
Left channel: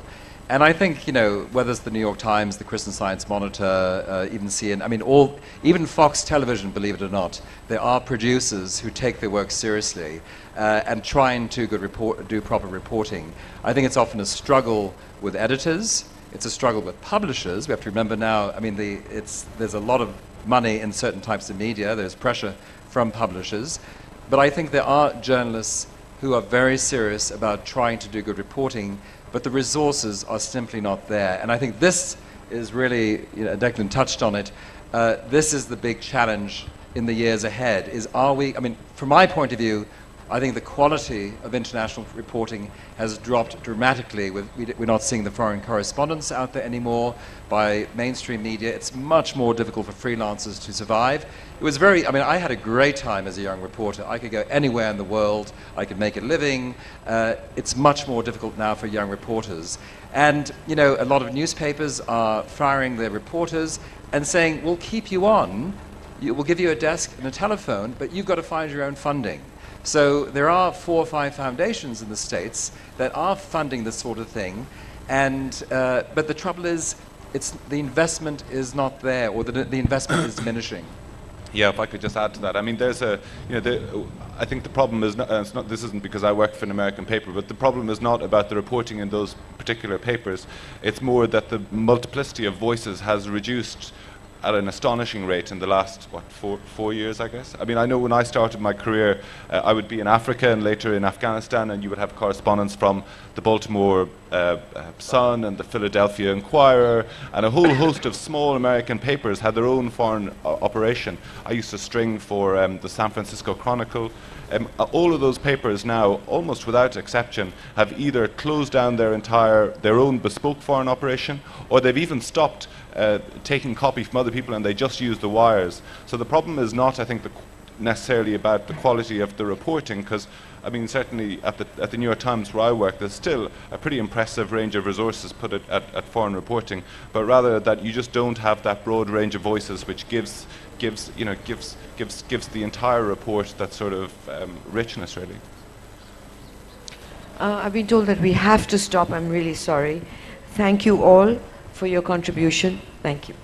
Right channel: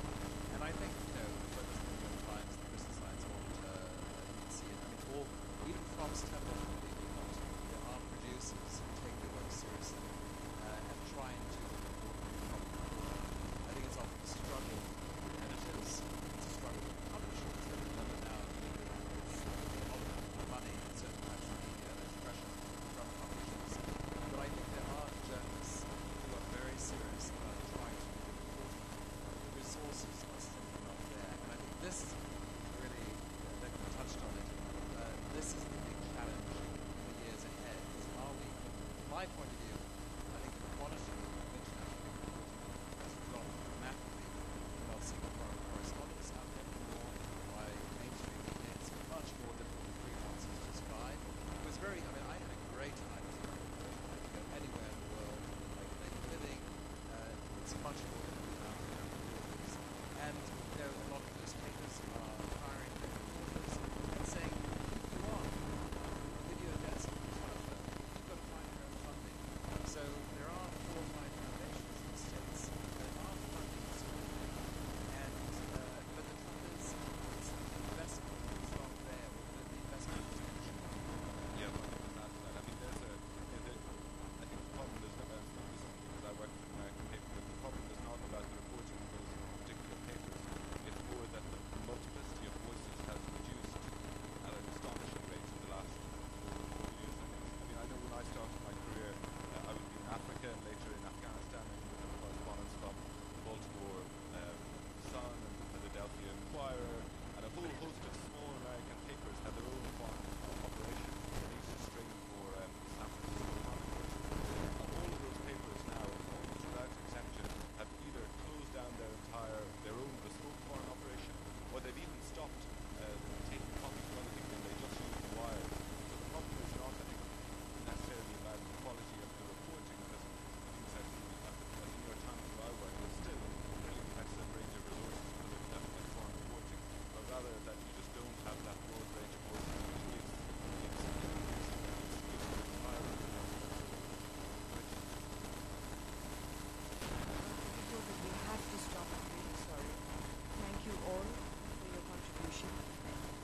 And I think, whether it's the New York Times, the Christian Science Monitor, even CNN, I mean, even Fox Television, believe it or not, there are producers who take their work seriously and try and do proper reporting. I think it's often a struggle with editors. It's a struggle with publishers. We have to remember now, I mean, there's a lot of money in certain types of media. There's pressure from publishers. But I think there are journalists who are very serious about trying to do good reporting, but the resources are simply not there. And I think this is really, Declan touched on it, this is the big challenge in the years ahead, from my point of view, I think the quality of international reporting has dropped dramatically. We're not seeing the foreign correspondents out there anymore by mainstream media. It's much more difficult for freelancers to survive. It was I had a great time as a young reporter. I could go anywhere in the world. I could make a living. It's much more difficult now for young reporters. And, a lot of newspapers are firing their reporters and saying, we'll keep you on. We'll give you a desk and a telephone, but you've got to find your own funding. So there are 4 or 5 foundations in the States that are funding this sort of thing. And, but the trouble is, the investment is not there, or the investment is diminishing. Yeah, if I could just add to that. I mean, there's I think the problem is not, this isn't because I work for an American paper, but the problem is not about the reporting in those particular papers. It's more that the multiplicity of voices has reduced at an astonishing rate in the last, 4 years, I guess. I mean, I know when I started my career, I would be in Africa and later in Afghanistan, and you would have correspondents from the Baltimore Sun and the Philadelphia Inquirer, and a whole host of small American papers had their own foreign operation. I used to string for the San Francisco Chronicle, all of those papers now, almost without exception, have either closed down their own bespoke foreign operation, or they've even stopped taking copy from other people and they just use the wires. So the problem is not, I think, necessarily about the quality of the reporting, because I mean, certainly at the New York Times where I work, there's still a pretty impressive range of resources put at foreign reporting, but rather that you just don't have that broad range of voices which gives the entire report that sort of richness, really. I've been told that we have to stop. I'm really sorry. Thank you all for your contribution. Thank you.